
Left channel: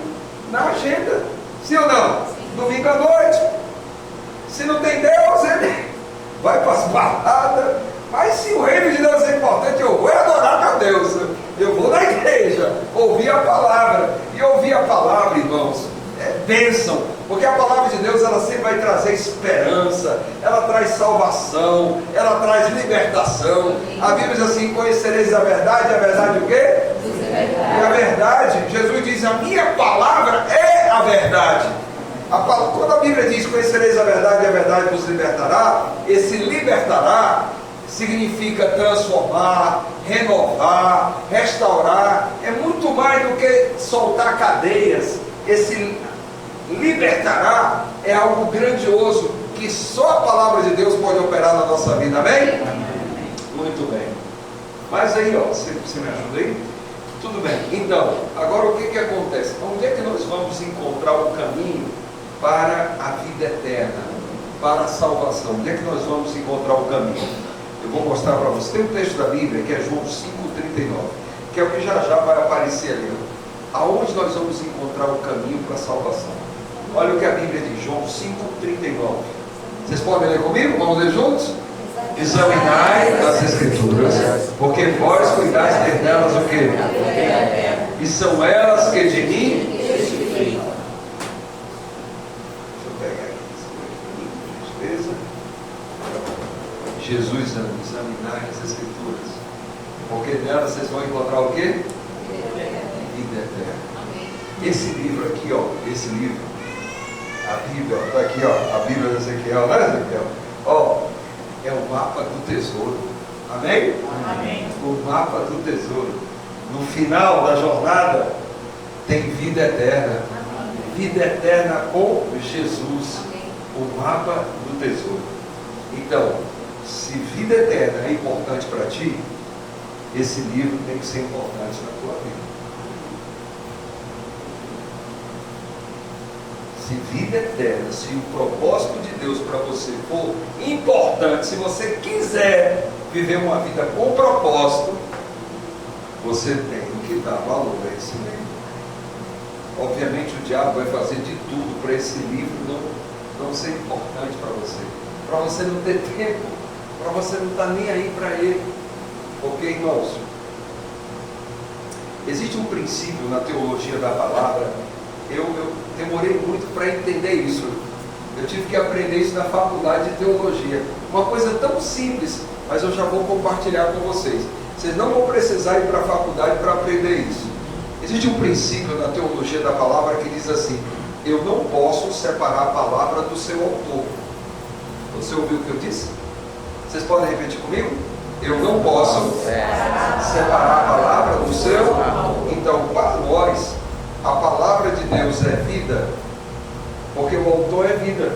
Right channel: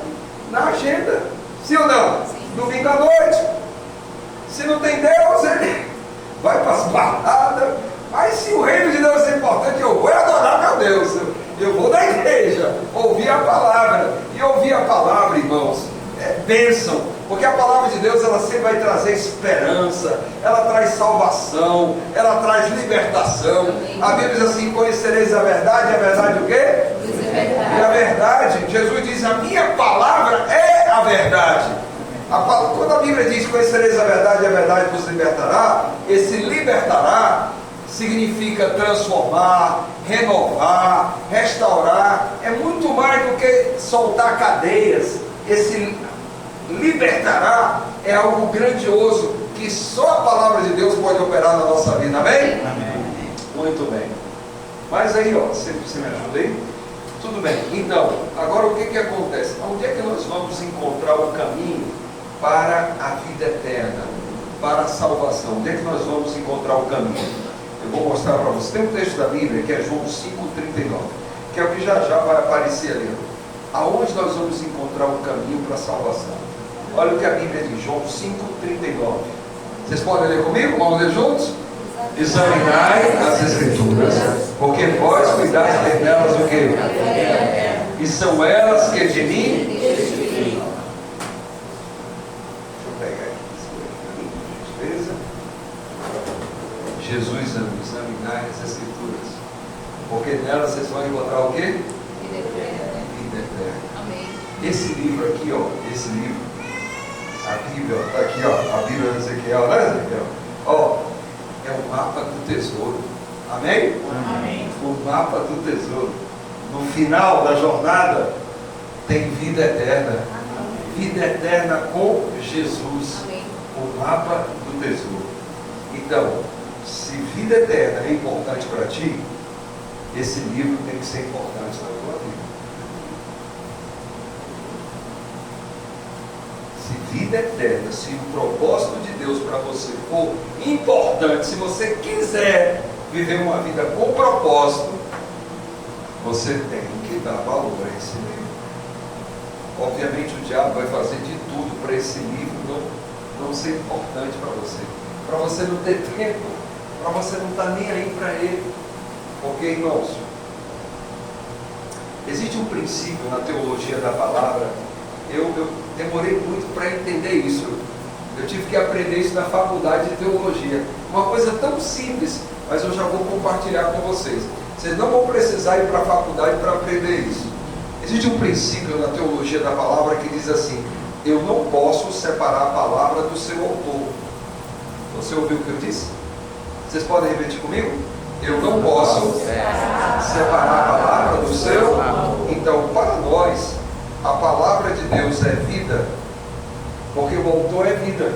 na agenda. Sim ou não? Sim. Domingo à noite, se não tem Deus, ele vai para as baladas. Mas se o reino de Deus é importante, eu vou adorar a Deus, eu vou na igreja, ouvir a palavra. E ouvir a palavra, irmãos, é bênção, porque a palavra de Deus, ela sempre vai trazer esperança, ela traz salvação, ela traz libertação. A Bíblia diz assim: conhecereis a verdade o quê? E a verdade, Jesus diz, a minha palavra é a verdade. Quando a Bíblia diz conhecereis a verdade vos libertará, esse libertará significa transformar, renovar, restaurar. É muito mais do que soltar cadeias. Esse libertará é algo grandioso que só a palavra de Deus pode operar na nossa vida. Amém? Amém. Muito bem. Mas aí, você me ajuda aí? Tudo bem. Então, agora o que acontece? Onde é que nós vamos encontrar o caminho para a vida eterna, para a salvação? Onde é que nós vamos encontrar o caminho? Eu vou mostrar para você. Tem um texto da Bíblia que é João 5,39, que é o que já vai aparecer ali. Aonde nós vamos encontrar o caminho para a salvação? Olha o que a Bíblia diz, João 5,39. Vocês podem ler comigo? Vamos ler juntos? Examinai as Escrituras, porque vós cuidais de nelas o quê? E são elas que de mim testificam. Jesus, examinar as Escrituras, porque nelas vocês vão encontrar o quê? Vida eterna. Esse livro aqui, esse livro, a Bíblia, está aqui, a Bíblia de Ezequiel, né, Ezequiel? É o mapa do tesouro. Amém? Amém? O mapa do tesouro. No final da jornada tem vida eterna. Amém. Vida eterna com Jesus. Amém. O mapa do tesouro. Então, se vida eterna é importante para ti, esse livro tem que ser importante na tua vida. Se vida eterna, se o propósito de Deus para você for importante, se você quiser viver uma vida com propósito, você tem que dar valor a esse livro. Obviamente o diabo vai fazer de tudo para esse livro não ser importante para você não ter tempo, para você não estar nem aí para ele. Ok, irmãos? Existe um princípio na teologia da palavra. Eu demorei muito para entender isso. Eu tive que aprender isso na faculdade de teologia. Uma coisa tão simples, mas eu já vou compartilhar com vocês. Vocês não vão precisar ir para a faculdade para aprender isso. Existe um princípio na teologia da palavra que diz assim: eu não posso separar a palavra do seu autor. Você ouviu o que eu disse? Vocês podem repetir comigo? Eu não posso separar a palavra do seu. Então, para nós, a palavra de Deus é vida, porque o autor é vida.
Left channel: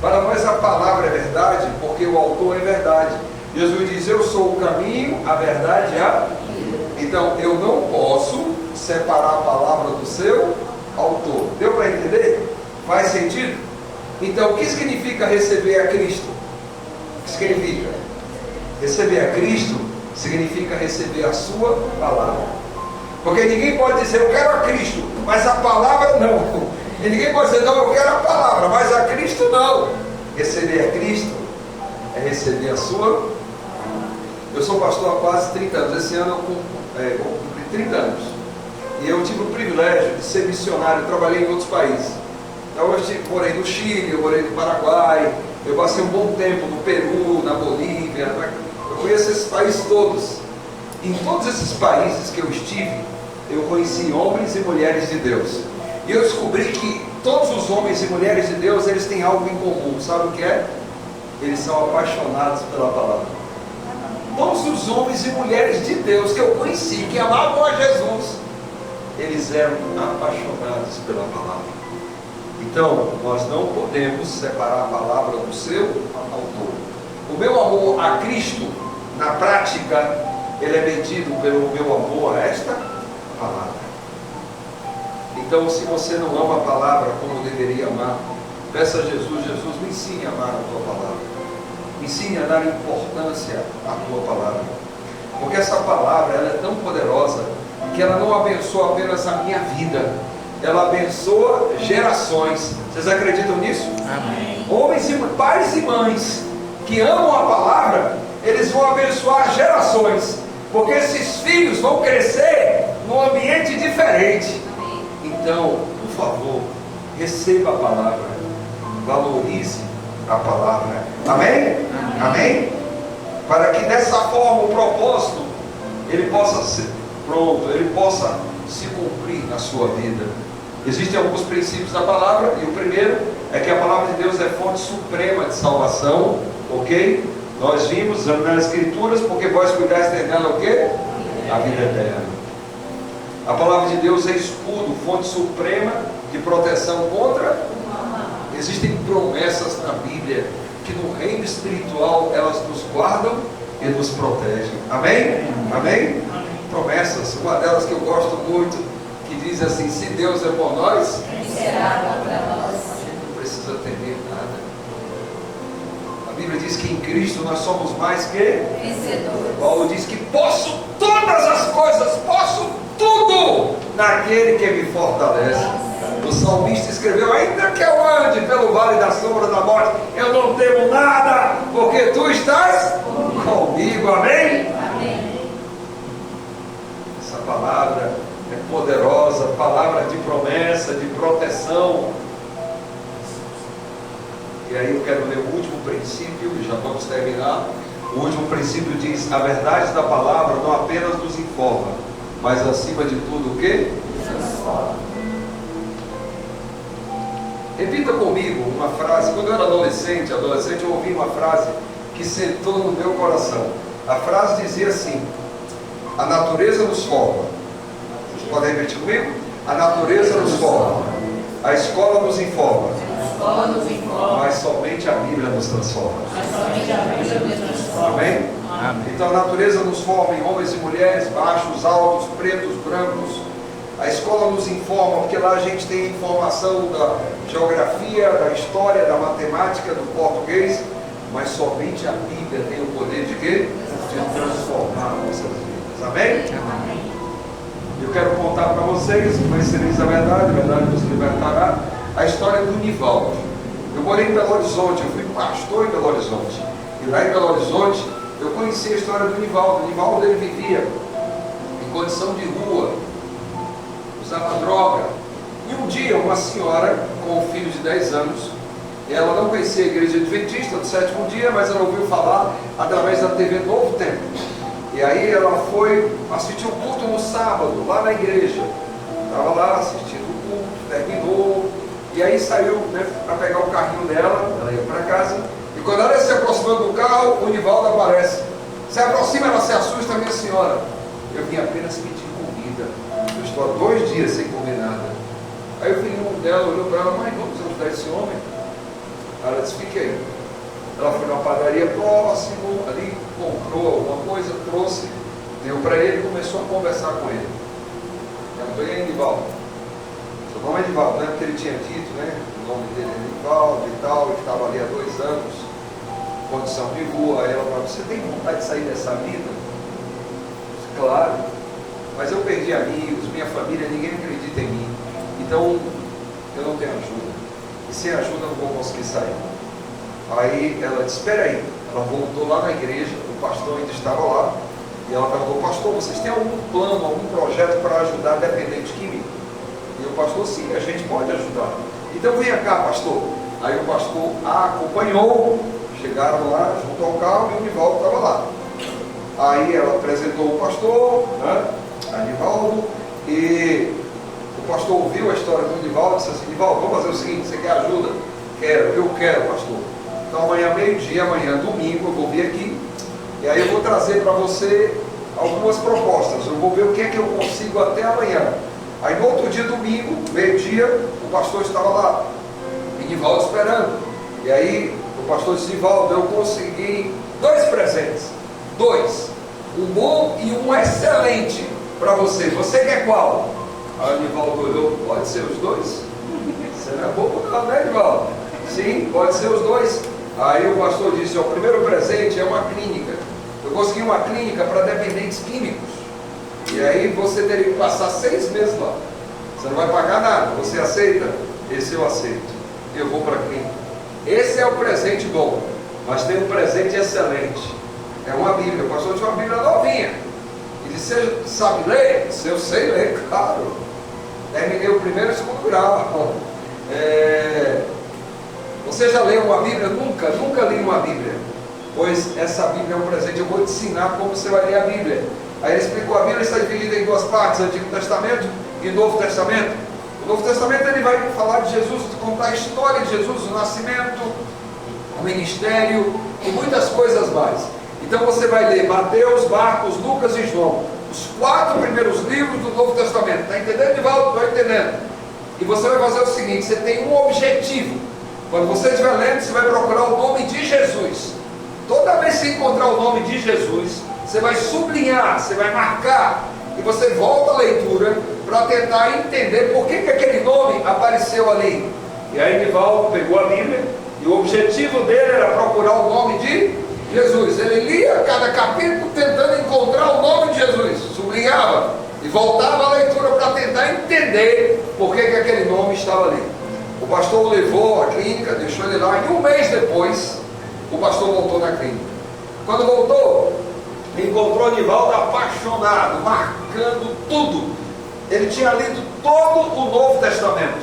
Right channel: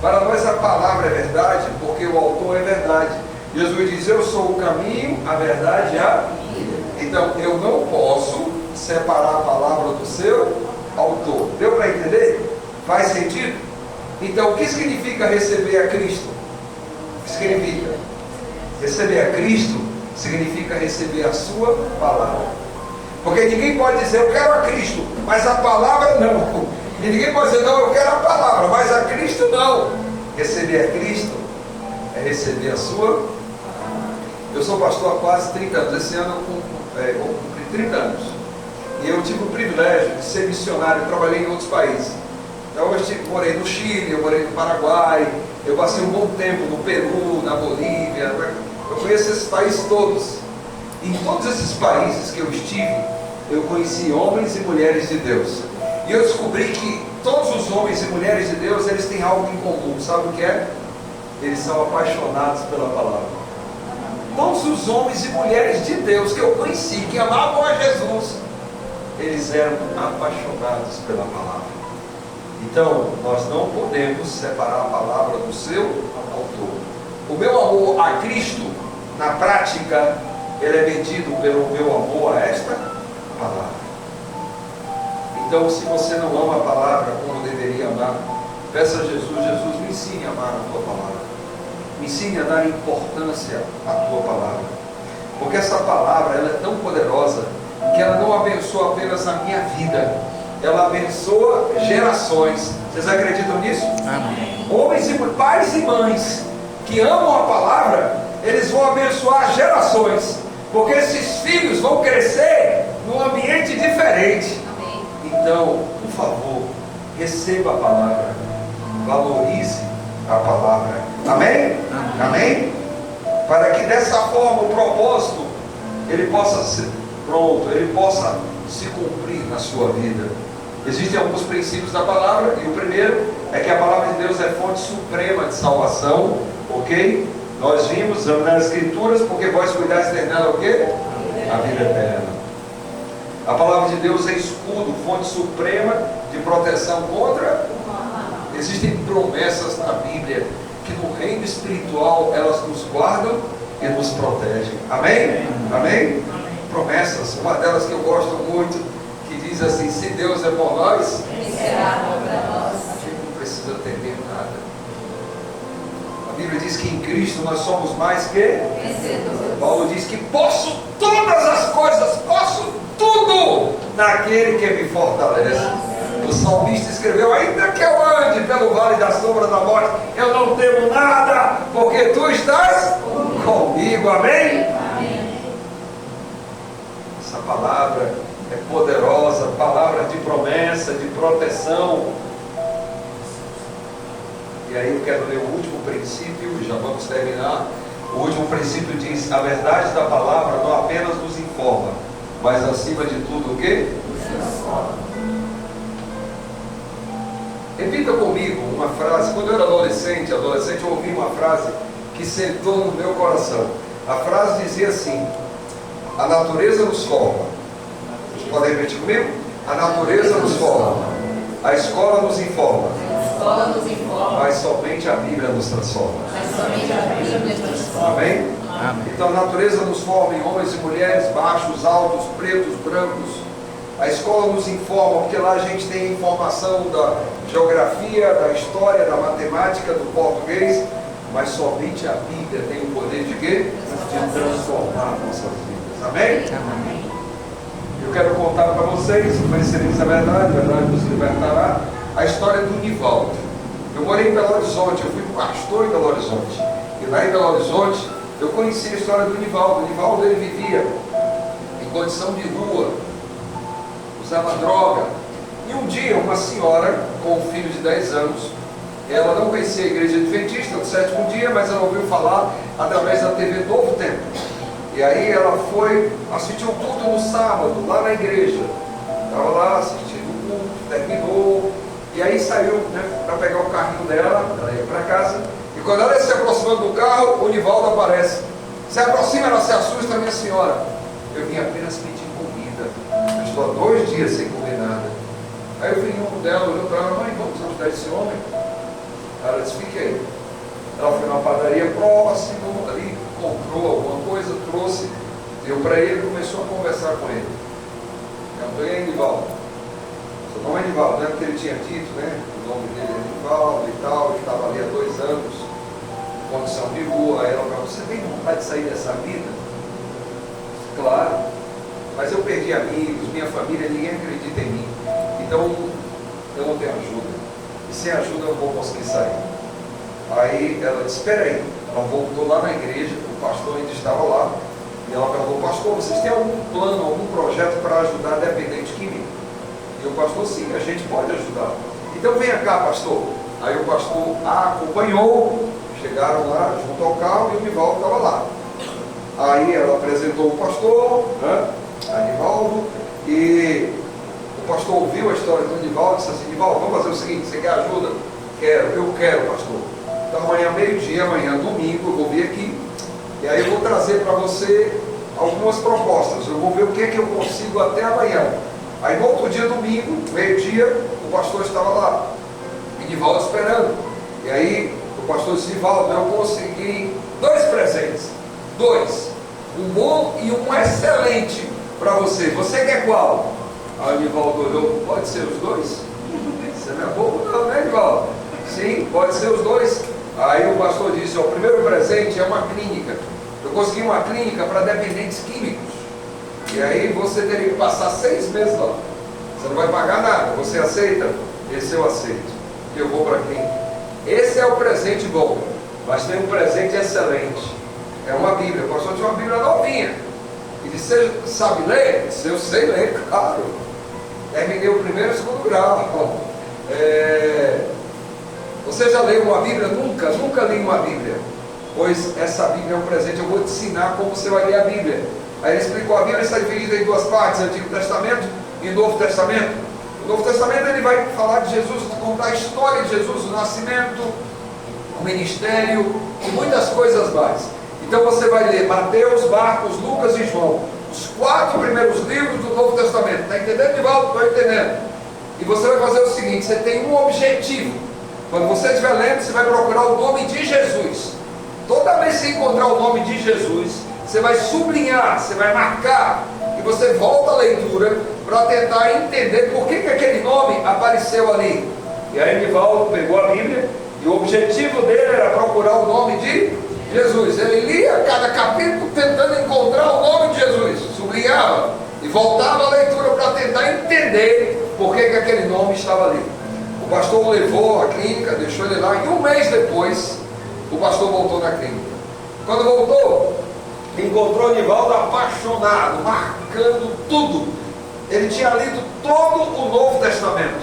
Para nós a palavra é verdade, porque o autor é verdade. Jesus diz: eu sou o caminho, a verdade e a vida. Então eu não posso separar a palavra do seu autor. Deu para entender? Faz sentido? Então o que significa receber a Cristo? O que significa? Receber a Cristo significa receber a sua palavra. Porque ninguém pode dizer eu quero a Cristo, mas a palavra não. E ninguém pode dizer não, eu quero a palavra, mas a Cristo não. Receber a Cristo é receber a sua. Eu sou pastor há quase 30 anos. Esse ano eu cumpri 30 anos. E eu tive o privilégio de ser missionário. Eu trabalhei em outros países. Então eu morei no Chile, eu morei no Paraguai, eu passei um bom tempo no Peru, na Bolívia. Eu conheço esses países todos. Em todos esses países que eu estive, eu conheci homens e mulheres de Deus. E eu descobri que todos os homens e mulheres de Deus, eles têm algo em comum. Sabe o que é? Eles são apaixonados pela palavra. Todos os homens e mulheres de Deus que eu conheci, que amavam a Jesus, eles eram apaixonados pela palavra. Então, nós não podemos separar a palavra do seu autor. O meu amor a Cristo, na prática, ele é medido pelo meu amor a esta palavra. Então, se você não ama a palavra como deveria amar, peça a Jesus: Jesus, me ensine a amar a tua palavra. Me ensine a dar importância à tua palavra. Porque essa palavra, ela é tão poderosa que ela não abençoa apenas a minha vida, ela abençoa gerações. Vocês acreditam nisso? Amém. Homens e pais e mães que amam a palavra, eles vão abençoar gerações, porque esses filhos vão crescer num ambiente diferente. Então, por favor, receba a palavra, valorize a palavra. Amém? Amém? Para que dessa forma o propósito ele possa ser pronto, ele possa se cumprir na sua vida. Existem alguns princípios da palavra, e o primeiro é que a palavra de Deus é fonte suprema de salvação, ok? Nós vimos nas Escrituras, porque vós cuidais dela o quê? A vida eterna. A palavra de Deus é escudo, fonte suprema de proteção contra. Existem promessas na Bíblia que no reino espiritual elas nos guardam e nos protegem. Amém? Amém? Promessas, uma delas que eu gosto muito, que diz assim: se Deus é por nós, quem será contra nós? A gente não precisa temer nada. A Bíblia diz que em Cristo nós somos mais que vencedores. Paulo diz que posso todas as coisas, posso tudo naquele que me fortalece. O salmista escreveu: ainda que eu ande pelo vale da sombra da morte, eu não temo nada, porque tu estás comigo. Amém? Amém. Essa palavra é poderosa, palavra de promessa, de proteção. E aí eu quero ler o último princípio, já vamos terminar. O último princípio diz: a verdade da palavra não apenas nos informa, mas acima de tudo o quê? Repita comigo uma frase. Quando eu era adolescente, eu ouvi uma frase que sentou no meu coração. A frase dizia assim: a natureza nos forma. Vocês podem repetir comigo? A natureza nos forma, a escola nos informa, mas somente a Bíblia nos transforma. Amém? Amém. Então a natureza nos forma em homens e mulheres, baixos, altos, pretos, brancos. A escola nos informa, porque lá a gente tem informação geografia, da história, da matemática, do português, mas somente a Bíblia tem o poder de quê? De transformar nossas vidas. Amém? Amém. Eu quero contar para vocês, conhecereis a verdade vos libertará, a história do Nivaldo. Eu morei em Belo Horizonte, eu fui pastor em Belo Horizonte. E lá em Belo Horizonte, eu conheci a história do Nivaldo. O Nivaldo, ele vivia em condição de rua, usava droga. E um dia, uma senhora com um filho de 10 anos, ela não conhecia a igreja adventista do sétimo dia, mas ela ouviu falar através da TV Novo Tempo. E aí ela foi assistir o culto no sábado, lá na igreja. Estava lá assistindo o culto, terminou, e aí saiu, né, para pegar o carrinho dela, ela ia para casa, e quando ela ia se aproximando do carro, o Nivaldo aparece. Se aproxima, ela se assusta, minha senhora. Eu vim apenas pedir comida, eu estou há 2 dias sem comer nada. Aí o filho dela olhou para ela, mãe, vamos ajudar esse homem? Ela disse, fique aí. Ela foi numa padaria próximo, ali comprou alguma coisa, trouxe, deu para ele e começou a conversar com ele. Ela falou, e aí, Nivaldo? Seu nome é Nivaldo, né? Porque ele tinha dito, né? O nome dele é Nivaldo e tal, que estava ali há 2 anos, condição de rua. Aí ela falou, você tem vontade de sair dessa vida? Claro, mas eu perdi amigos, minha família, ninguém acredita em mim, então eu não tenho ajuda, e sem ajuda eu não vou conseguir sair. Aí ela disse, espera aí. Ela voltou lá na igreja, o pastor ainda estava lá, e ela perguntou, pastor, vocês têm algum plano, algum projeto para ajudar dependente químico? E o pastor, sim, a gente pode ajudar. Então venha cá, pastor. Aí o pastor a acompanhou, chegaram lá junto ao carro e o Nivaldo estava lá. Aí ela apresentou o pastor, né, a Nivaldo, e o pastor ouviu a história do Nivaldo e disse assim, Nivaldo, vamos fazer o seguinte, você quer ajuda? Eu quero, pastor. Então amanhã, meio-dia, amanhã, domingo, eu vou vir aqui, e aí eu vou trazer para você algumas propostas. Eu vou ver o que é que eu consigo até amanhã. Aí no outro dia, domingo, meio-dia, o pastor estava lá, e Nivaldo esperando. E aí o pastor disse, Nivaldo, eu consegui 2 presentes. 2, um bom e um excelente para você. Você quer qual? Aí o Nivaldo olhou, pode ser os 2? Você não é bobo não, né, Nivaldo? Sim, pode ser os 2. Aí o pastor disse, o primeiro presente é uma clínica. Eu consegui uma clínica para dependentes químicos. E aí você teria que passar 6 meses lá. Você não vai pagar nada. Você aceita? Esse eu aceito. Eu vou para a clínica. Esse é o presente bom. Mas tem um presente excelente. É uma Bíblia. O pastor tinha uma Bíblia novinha. E disse, você sabe ler? Eu disse, eu sei ler, claro. Terminei o 1º e o 2º grau. Você já leu uma Bíblia? Nunca li uma Bíblia. Pois essa Bíblia é um presente. Eu vou te ensinar como você vai ler a Bíblia. Aí ele explicou, a Bíblia está dividida em 2 partes, Antigo Testamento e Novo Testamento. O Novo Testamento ele vai falar de Jesus, contar a história de Jesus, o nascimento, o ministério e muitas coisas mais. Então você vai ler Mateus, Marcos, Lucas e João, os 4 primeiros livros do Novo Testamento. Está entendendo, Nivaldo? Estou entendendo. E você vai fazer o seguinte, você tem um objetivo. Quando você estiver lendo, você vai procurar o nome de Jesus. Toda vez que você encontrar o nome de Jesus, você vai sublinhar, você vai marcar, e você volta à leitura para tentar entender por que aquele nome apareceu ali. E aí Nivaldo pegou a Bíblia, e o objetivo dele era procurar o nome de Jesus. Ele lia cada capítulo tentando encontrar o nome de Jesus, sublinhava, e voltava à leitura para tentar entender por que aquele nome estava ali. O pastor o levou à clínica, deixou ele lá, e 1 mês depois, o pastor voltou na clínica. Quando voltou, encontrou o Nivaldo apaixonado, marcando tudo. Ele tinha lido todo o Novo Testamento.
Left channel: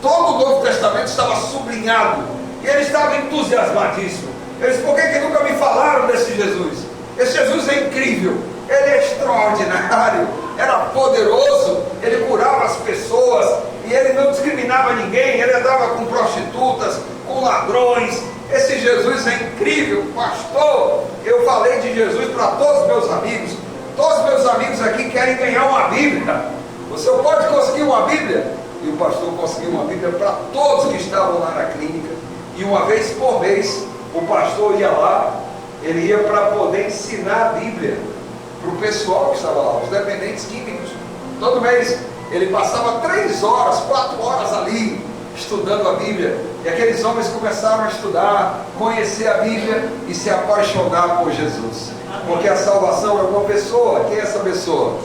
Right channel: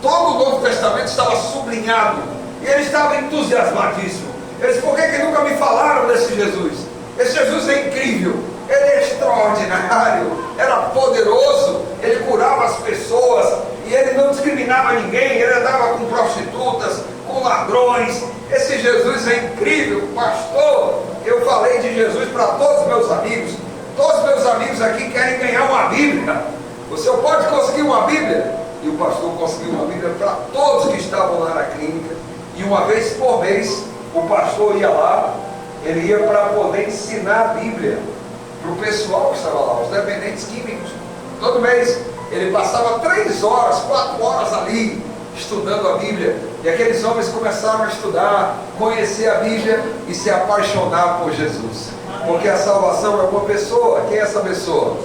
Todo o Novo Testamento estava sublinhado. E ele estava entusiasmadíssimo. Ele disse, por que nunca me falaram desse Jesus? Esse Jesus é incrível. Ele é extraordinário. Era poderoso. Ele curava as pessoas. E ele não discriminava ninguém. Ele andava com prostitutas, com ladrões. Esse Jesus é incrível, pastor. Eu falei de Jesus para todos os meus amigos. Todos os meus amigos aqui querem ganhar uma Bíblia. Você pode conseguir uma Bíblia? E o pastor conseguiu uma Bíblia para todos que estavam lá na clínica. E uma vez por mês, o pastor ia lá. Ele ia para poder ensinar a Bíblia para o pessoal que estava lá, os dependentes químicos. Todo mês ele passava 3 horas, 4 horas ali, estudando a Bíblia, e aqueles homens começaram a estudar, conhecer a Bíblia e se apaixonar por Jesus, porque a salvação é uma pessoa. Quem é essa pessoa?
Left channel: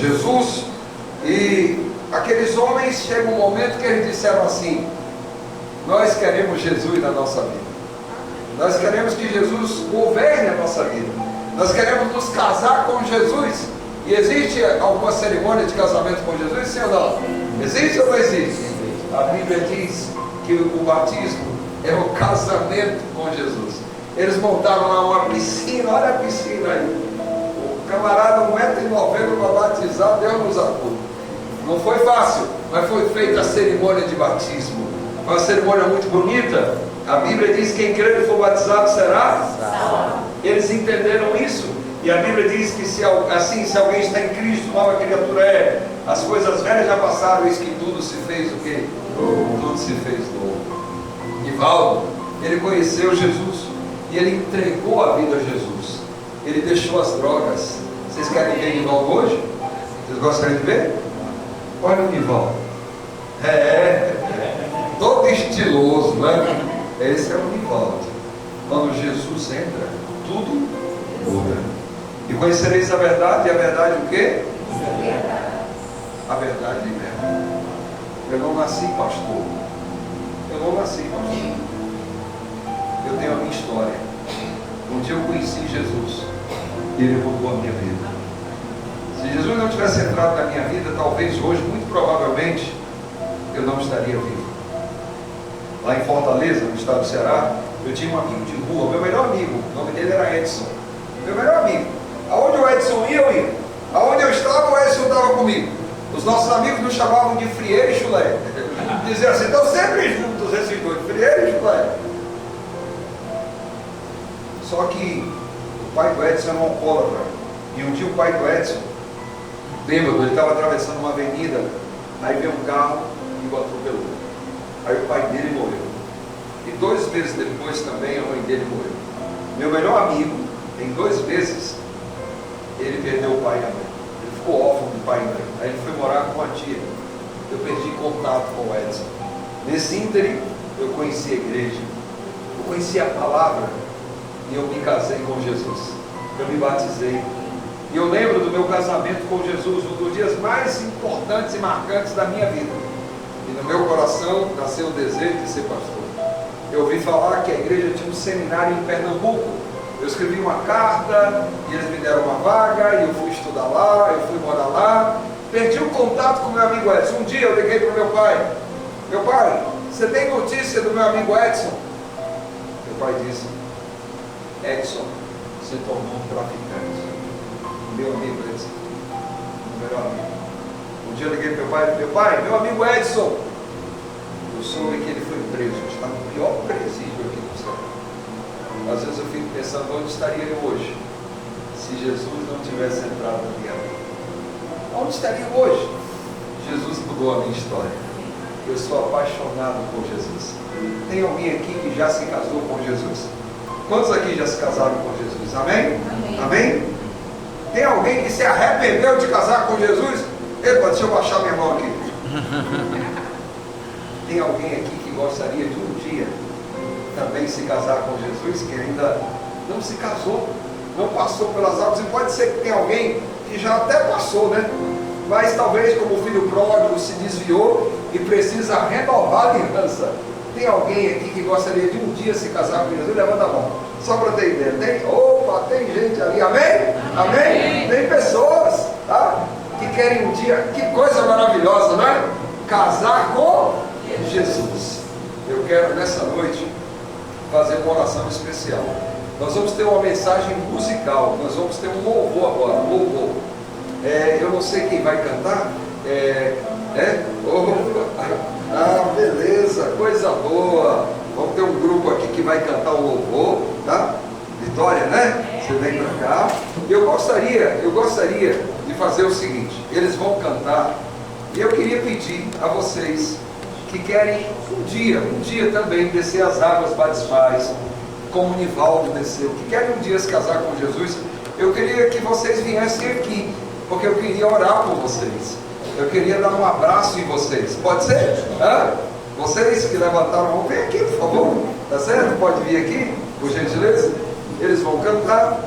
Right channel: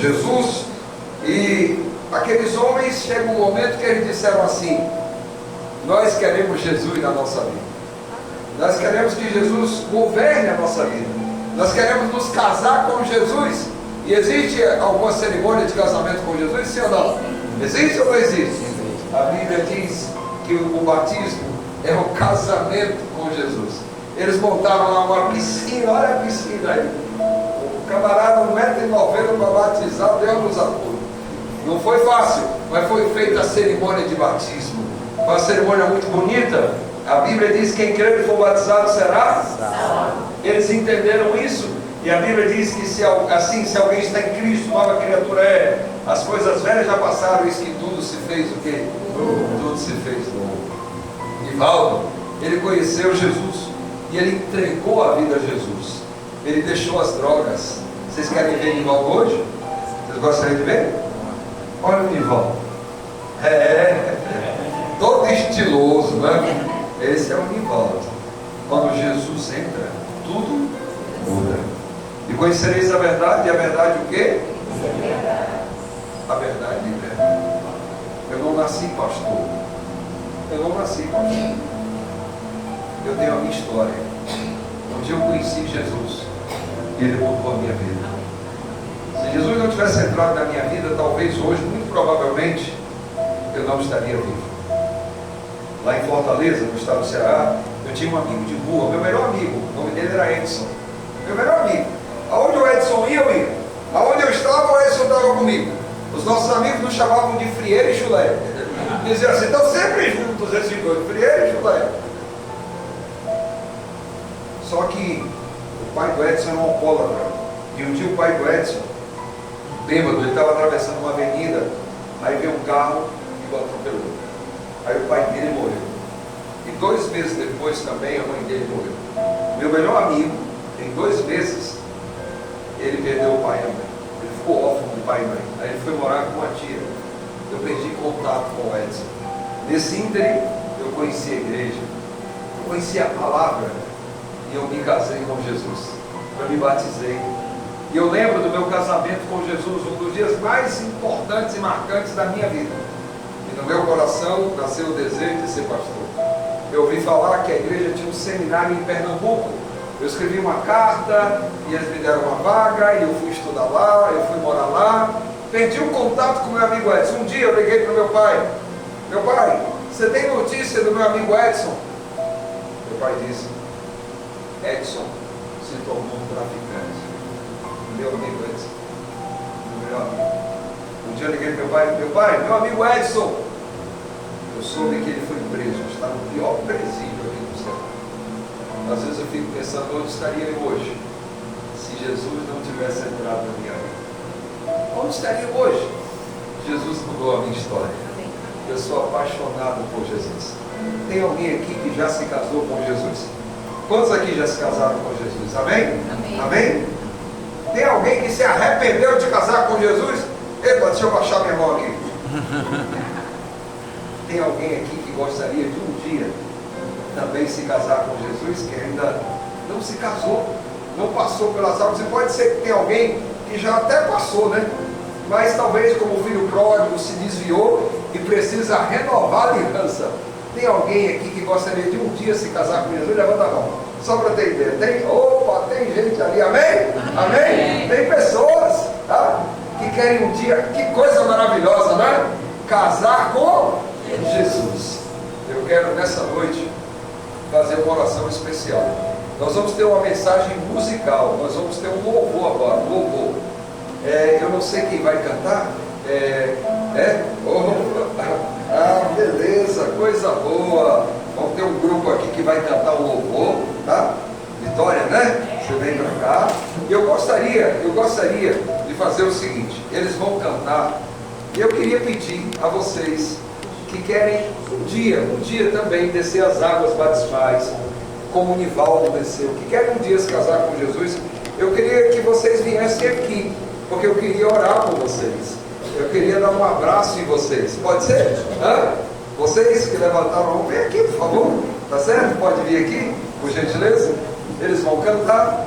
Jesus. E aqueles homens, chega um momento que eles disseram assim: nós queremos Jesus na nossa vida, nós queremos que Jesus governe a nossa vida, nós queremos nos casar com Jesus. E existe alguma cerimônia de casamento com Jesus, sim ou não? Existe ou não existe? A Bíblia diz que o batismo é o casamento com Jesus. Eles montaram lá uma piscina, olha a piscina aí. O camarada 1,90 m para batizar, Deus nos acuda. Não foi fácil, mas foi feita a cerimônia de batismo. Uma cerimônia muito bonita. A Bíblia diz que quem crer e for batizado será salvo. Eles entenderam isso. E a Bíblia diz que se alguém está em Cristo, nova criatura é. As coisas velhas já passaram, isso que tudo se fez o quê? Tudo se fez novo. Nivaldo, ele conheceu Jesus e ele entregou a vida a Jesus. Ele deixou as drogas. Vocês querem ver Nivaldo hoje? Vocês gostariam de ver? Olha o Nivaldo. Todo estiloso, né? Esse é o Nivaldo. Quando Jesus entra, tudo muda. E conhecereis a verdade, e a verdade o quê? A verdade liberta. Eu não nasci pastor. Eu não nasci pastor. Eu tenho a minha história. Um dia eu conheci Jesus e ele mudou a minha vida. Se Jesus não tivesse entrado na minha vida, talvez hoje, muito provavelmente, eu não estaria vivo. Lá em Fortaleza, no estado do Ceará, eu tinha um amigo de rua, meu melhor amigo, o nome dele era Edson. Meu melhor amigo. Aonde o Edson ia, eu ia. Aonde eu estava, o Edson estava comigo. Os nossos amigos nos chamavam de Frieira e Chulé. Diziam assim: estão sempre juntos esses dois, Frieira e Chulé. Só que o pai do Edson era um alcoólatra. E um dia o pai do Edson, bêbado, ele estava atravessando uma avenida, aí veio um carro e o atropelou. Aí o pai dele morreu. E 2 meses depois também a mãe dele morreu. Meu melhor amigo, em 2 meses, ele perdeu o pai e a mãe. Ele ficou órfão do pai e mãe. Aí ele foi morar com uma tia. Eu perdi contato com o Edson. Nesse ínterim, eu conheci a igreja, eu conheci a palavra, e eu me casei com Jesus. Eu me batizei. E eu lembro do meu casamento com Jesus, um dos dias mais importantes e marcantes da minha vida. E no meu coração nasceu o desejo de ser pastor. Eu ouvi falar que a igreja tinha um seminário em Pernambuco. Eu escrevi uma carta e eles me deram uma vaga e eu fui estudar lá, eu fui morar lá. Perdi o contato com meu amigo Edson. Um dia eu liguei para o meu pai: meu pai, você tem notícia do meu amigo Edson? Meu pai disse: Edson se tornou um traficante. Meu amigo Edson, meu amigo. Um dia eu liguei para meu pai: meu amigo Edson, eu soube que ele foi preso, está no pior presídio aqui do Ceará. Às vezes eu fico pensando, onde estaria ele hoje, se Jesus não tivesse entrado na minha vida? Onde estaria hoje? Jesus mudou a minha história. Eu sou apaixonado por Jesus. Tem alguém aqui que já se casou com Jesus? Quantos aqui já se casaram com Jesus? Amém? Amém? Amém? Tem alguém que se arrependeu de casar com Jesus? Epa, deixa eu baixar minha mão aqui. Tem alguém aqui que gostaria de um dia também se casar com Jesus, que ainda não se casou, não passou pelas águas? E pode ser que tenha alguém que já até passou, né? Mas talvez, como o filho pródigo, se desviou e precisa renovar a aliança. Tem alguém aqui que gostaria de um dia se casar com Jesus? Levanta a mão, só para ter ideia. Tem gente ali, amém? Amém? Tem pessoas, tá, que querem um dia, que coisa maravilhosa, né? Casar com Jesus. Eu quero nessa noite fazer uma oração especial. Nós vamos ter uma mensagem musical, nós vamos ter um louvor agora, louvor. Eu não sei quem vai cantar. Beleza, coisa boa. Vamos ter um grupo aqui que vai cantar o louvor, tá? Vitória, né? Você vem pra cá. Eu gostaria de fazer o seguinte: eles vão cantar, e eu queria pedir a vocês que querem um dia também descer as águas batismais, como o Nivaldo desceu, que querem um dia se casar com Jesus. Eu queria que vocês viessem aqui, porque eu queria orar por vocês, eu queria dar um abraço em vocês. Pode ser? Vocês que levantaram a mão, vem aqui, por favor. Tá certo? Pode vir aqui, por gentileza. Eles vão cantar.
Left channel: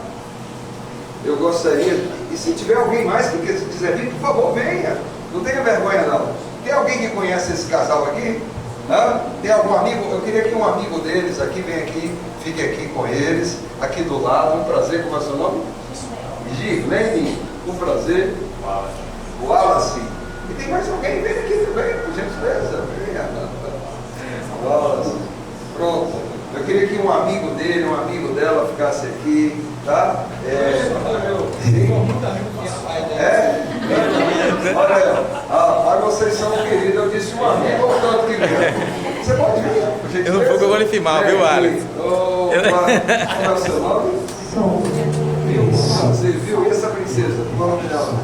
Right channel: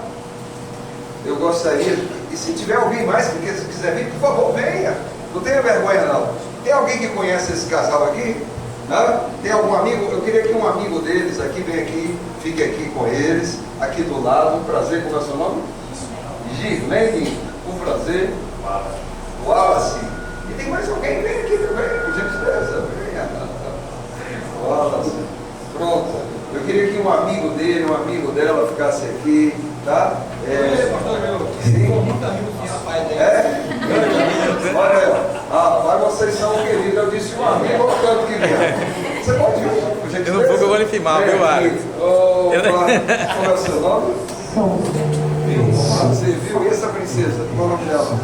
Eu gostaria, e se tiver alguém mais que quiser vir, por favor, venha. Não tenha vergonha não. Tem alguém que conhece esse casal aqui? Não? Tem algum amigo? Eu queria que um amigo deles aqui, venha aqui, fique aqui com eles, aqui do lado. Um prazer, como é o seu nome? Girlene, um prazer. Wallace. E tem mais alguém, vem aqui também, por gentileza. Venha. Wallace. Pronto. Eu queria que um amigo dele, um amigo dela ficasse aqui, tá? Olha, vocês são queridos, eu disse um amigo, tanto que você pode vir. Eu não vou que eu vou lhe filmar, viu, Alex? Qual é o seu nome? Você viu? E essa princesa? Qual é o nome dela?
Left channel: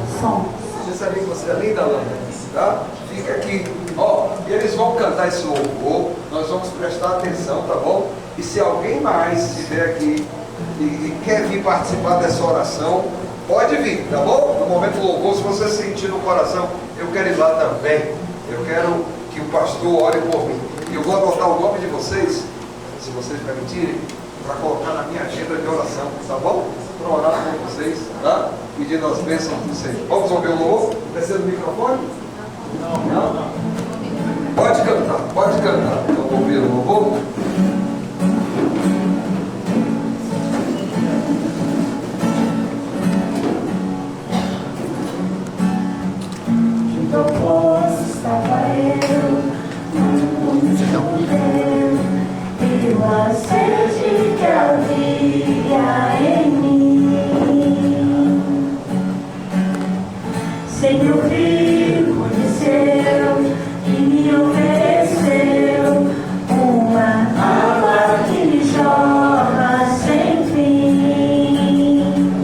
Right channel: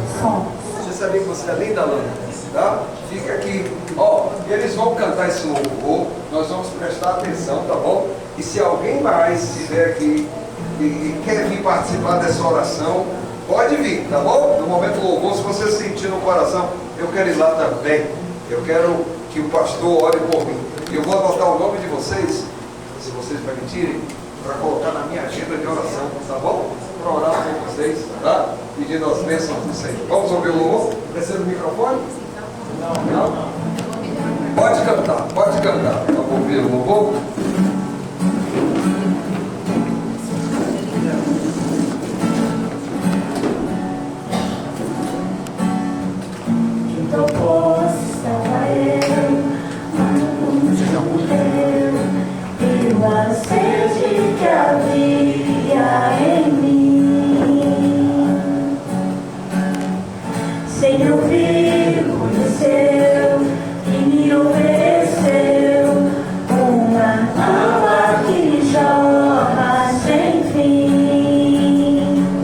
Você sabia que você é linda, Lana? Tá? Fica aqui. Ó, eles vão cantar esse louvor, nós vamos prestar atenção, tá bom? E se alguém mais estiver aqui e quer vir participar dessa oração, pode vir, tá bom? No momento do louvor, se você sentir no coração, eu quero ir lá também. Eu quero que o pastor ore por mim. Eu vou adotar o nome de vocês, se vocês permitirem, para colocar na minha agenda de oração, tá bom? Para orar com vocês, tá? Pedindo as bênçãos do Senhor. Vamos ouvir o louvor? Precisa do microfone? Não? Pode cantar. Vamos ouvir o louvor? A sede que havia em mim, Senhor me conheceu e me ofereceu uma água que jorra sem fim.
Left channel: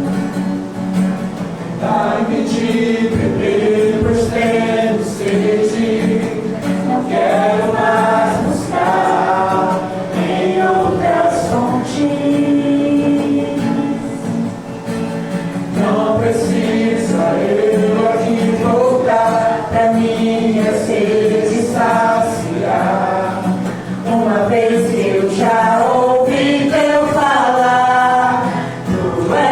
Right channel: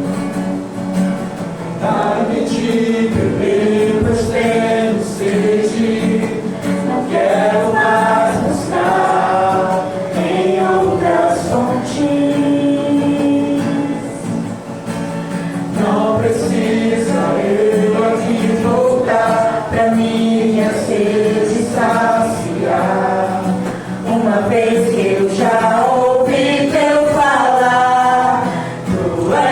Dai-me de beber, pois tenho sede, não quero mais buscar em outras fontes. Não precisa eu aqui voltar pra minha sede saciar, uma vez que eu já ouvi teu falar. Tu és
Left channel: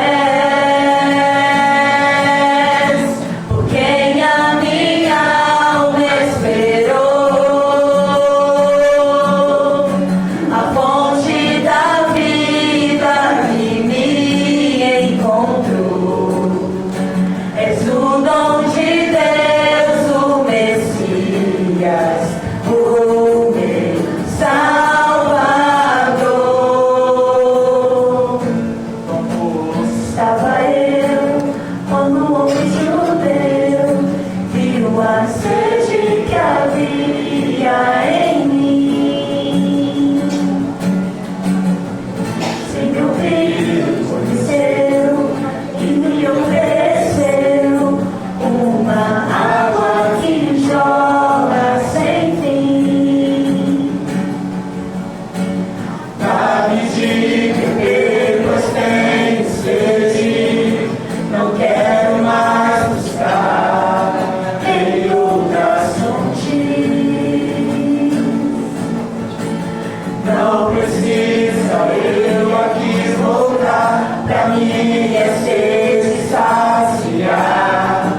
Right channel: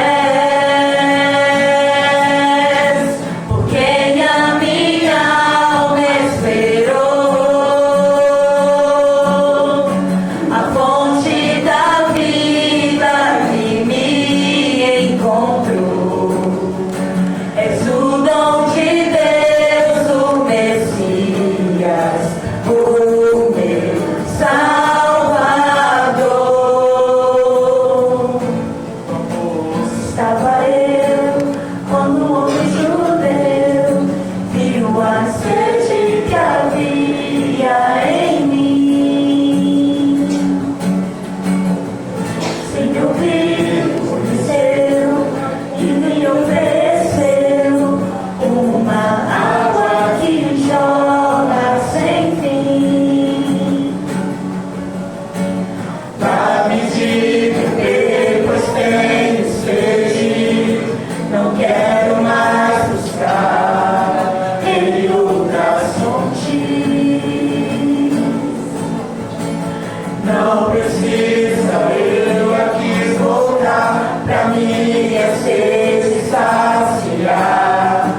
por quem a minha alma esperou, a fonte da vida que me encontrou. És o dom de Deus, o Messias, o meu Salvador. Estava eu quando o homem judeu viu a sede que havia em mim. Senhor me conheceu e me ofereceu uma água que jorra sem fim. Dá-me de beber, pois tenho sede, não quero mais buscar em outras fontes. Não precisa eu aqui voltar pra minha sede saciar,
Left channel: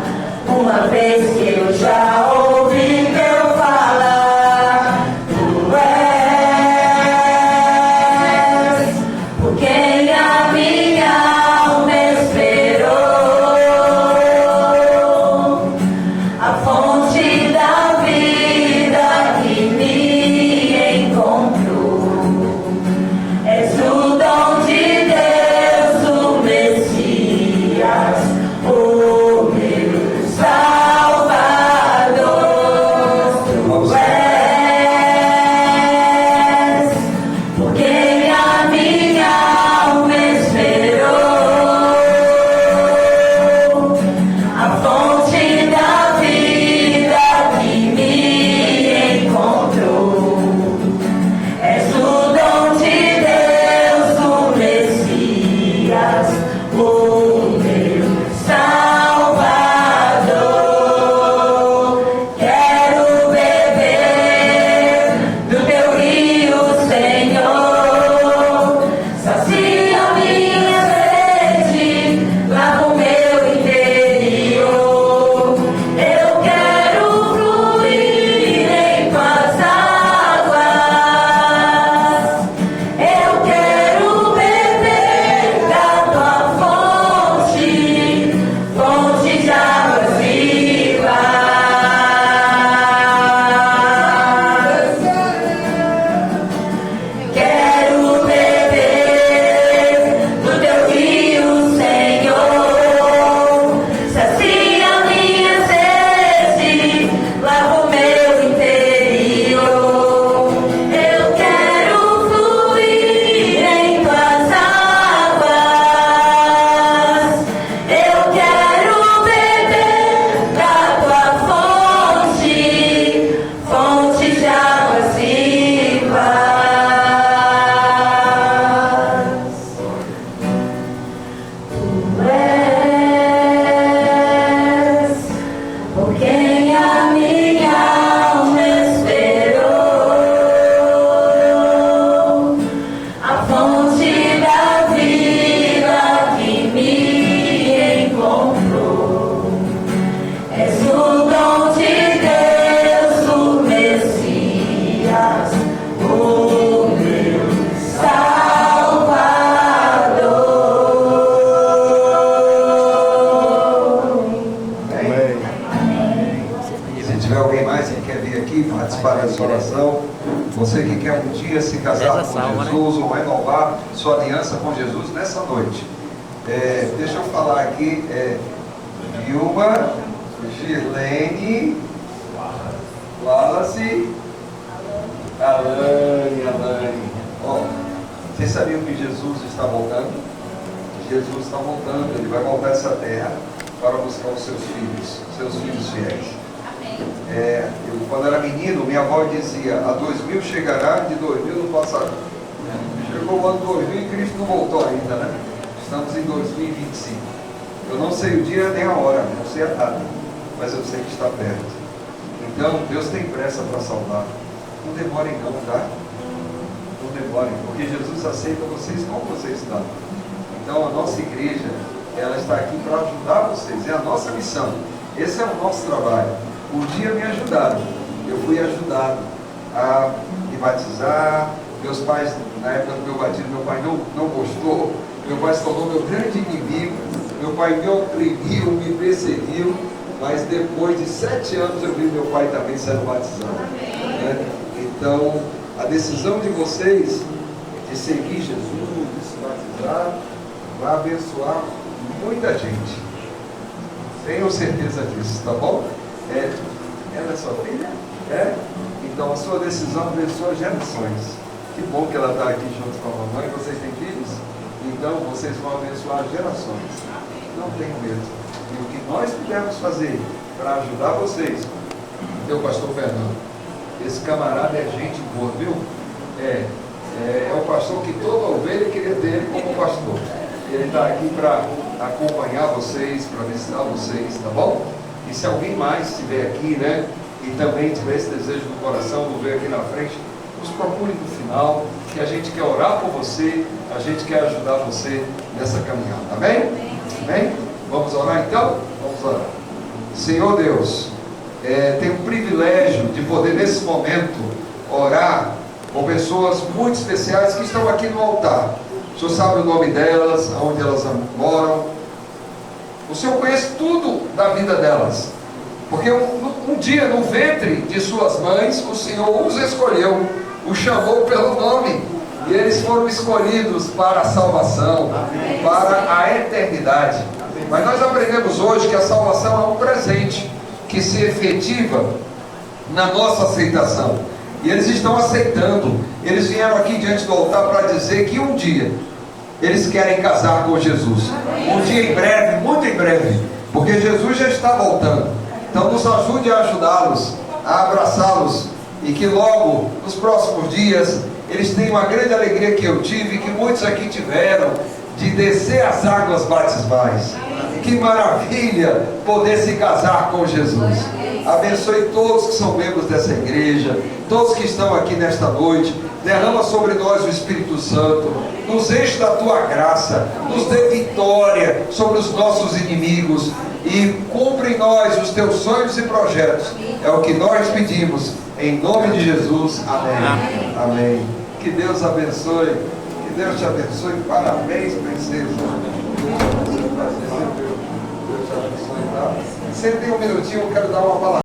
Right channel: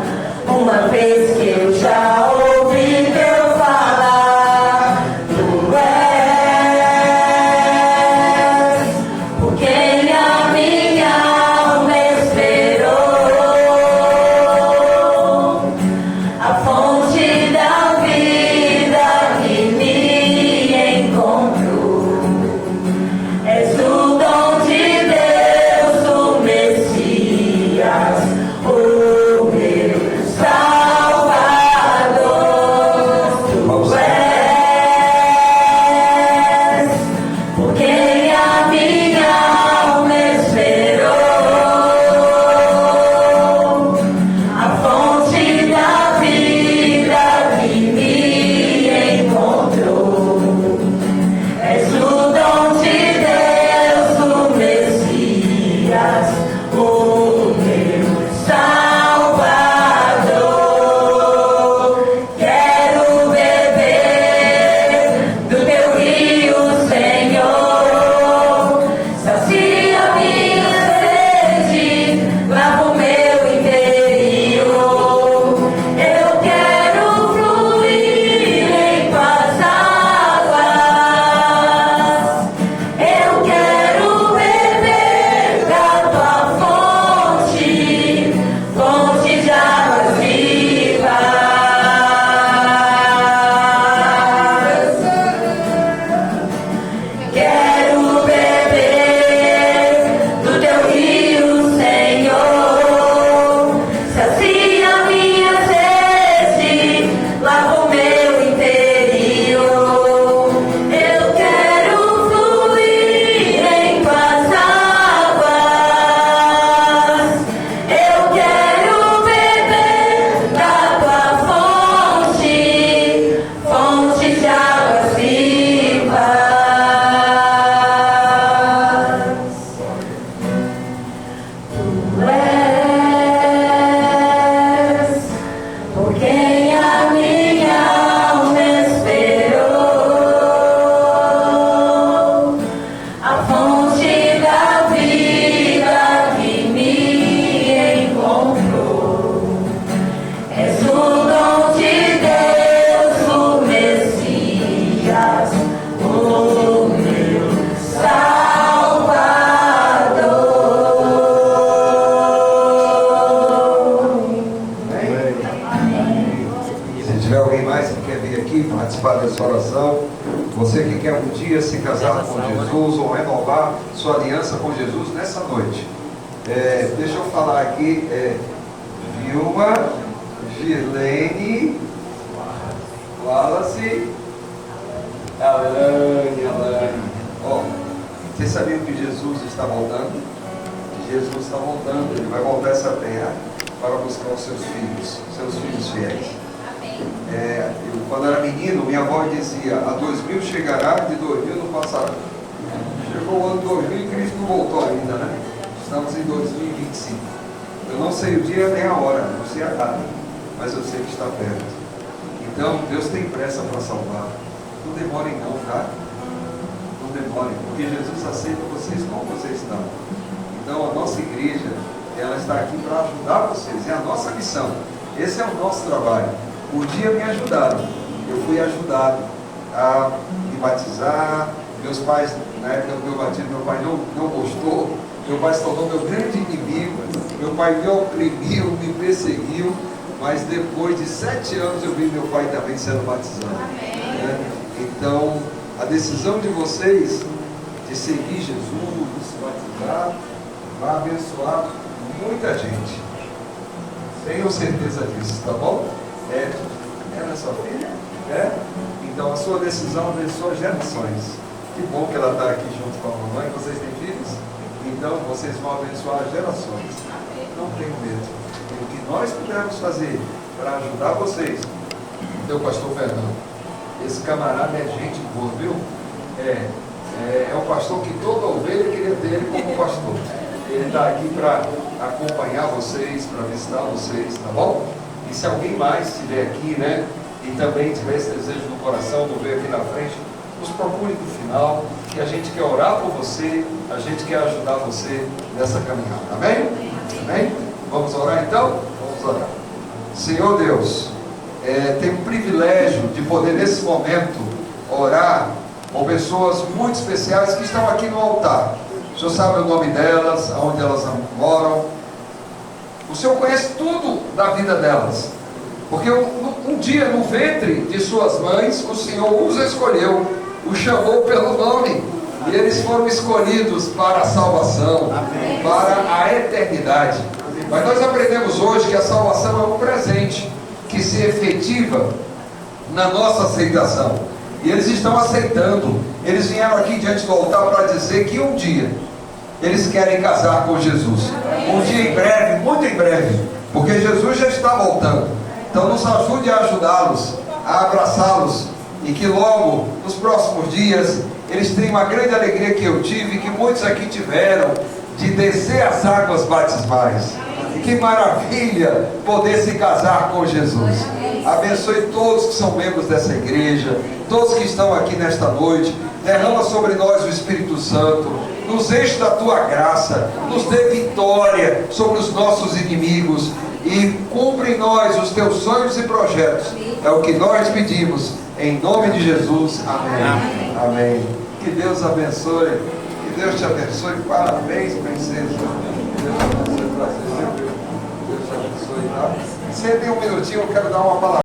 uma vez que eu já ouvi teu falar. Tu és por quem a minha alma esperou, a fonte da vida que me encontrou. És o dom de Deus, o Messias, o meu Salvador. Tu és por quem a minha alma esperou, a fonte da vida que me encontrou. És o dom de Deus, o Messias, o meu Salvador. Quero beber Você que quer um dia se casar Essa com salva, Jesus, ou renovar sua aliança com Jesus nessa noite. Deixa eu falar aqui, Vilma, Girlene, Wallace, Alane. Ó, vocês sabiam que Jesus está voltando? Jesus está voltando, ele vai voltar a essa terra para buscar os seus filhos fiéis. Quando era menino, minha avó dizia: a 2000 chegará, de 2000 não passará. Chegou o ano 2000 e Cristo não voltou ainda, né? Estamos em 2025. Eu não sei o dia nem a hora, não sei a data, mas eu sei que está perto. Então, Deus tem pressa para salvar. Não demorem não, tá? Não demorem, porque Jesus aceita vocês como vocês estão. Então, a nossa igreja, ela está aqui para ajudar vocês. É a nossa missão. Esse é o nosso trabalho. Um dia me ajudaram. Eu fui ajudado a me batizar. Meus pais, na época do meu batismo, meu pai não gostou. Meu pai se tornou meu grande inimigo. Meu pai me oprimiu, me perseguiu. Mas depois de 7 anos eu vi meu pai também sendo batizado. Então, a decisão de vocês de seguir Jesus, de se batizar, vai abençoar muita gente. Tenho certeza disso, tá bom? Ela é sua filha? Então a sua decisão abençoa gerações. Que bom que ela está aqui junto com a mamãe. Vocês têm filhos? Então vocês vão abençoar gerações. Não tenham medo. E o que nós pudermos fazer para ajudar vocês. Então, pastor Fernando, esse camarada é gente boa, viu? É o pastor que toda ovelha queria ter ele como pastor. Ele está aqui para acompanhar vocês, para visitar vocês, tá bom? E se alguém mais estiver aqui, né, e também tiver esse desejo no coração, não veio aqui na frente, nos procure no final, que a gente quer orar por você, a gente quer ajudar você nessa caminhada, amém? Amém? Vamos orar então? Vamos orar. Senhor Deus, tenho o privilégio de poder nesse momento orar com pessoas muito especiais que estão aqui no altar. O Senhor sabe o nome delas, aonde elas moram. O Senhor conhece tudo da vida delas, porque um dia no ventre de suas mães o Senhor os escolheu, os chamou pelo nome, e eles foram escolhidos para a salvação, para a eternidade. Mas nós aprendemos hoje que a salvação é um presente que se efetiva na nossa aceitação, e eles estão aceitando. Eles vieram aqui diante do altar para dizer que um dia eles querem casar com Jesus. Um dia em breve, muito em breve, porque Jesus já está voltando. Então nos ajude a ajudá-los, a abraçá-los, e que logo, nos próximos dias, eles tenham a grande alegria que eu tive, que muitos aqui tiveram, de descer as águas batismais. Que maravilha poder se casar com Jesus. Abençoe todos que são membros dessa igreja, todos que estão aqui nesta noite. Derrama sobre nós o Espírito Santo, nos enche da tua graça, nos dê vitória sobre os nossos inimigos, e cumpre em nós os teus sonhos e projetos. É o que nós pedimos, em nome de Jesus. Amém. Amém. Que Deus abençoe, que Deus te abençoe. Parabéns, princesa. Deus te abençoe, prazer. Deus te abençoe, tá? Sentem um minutinho, eu quero dar uma palavra.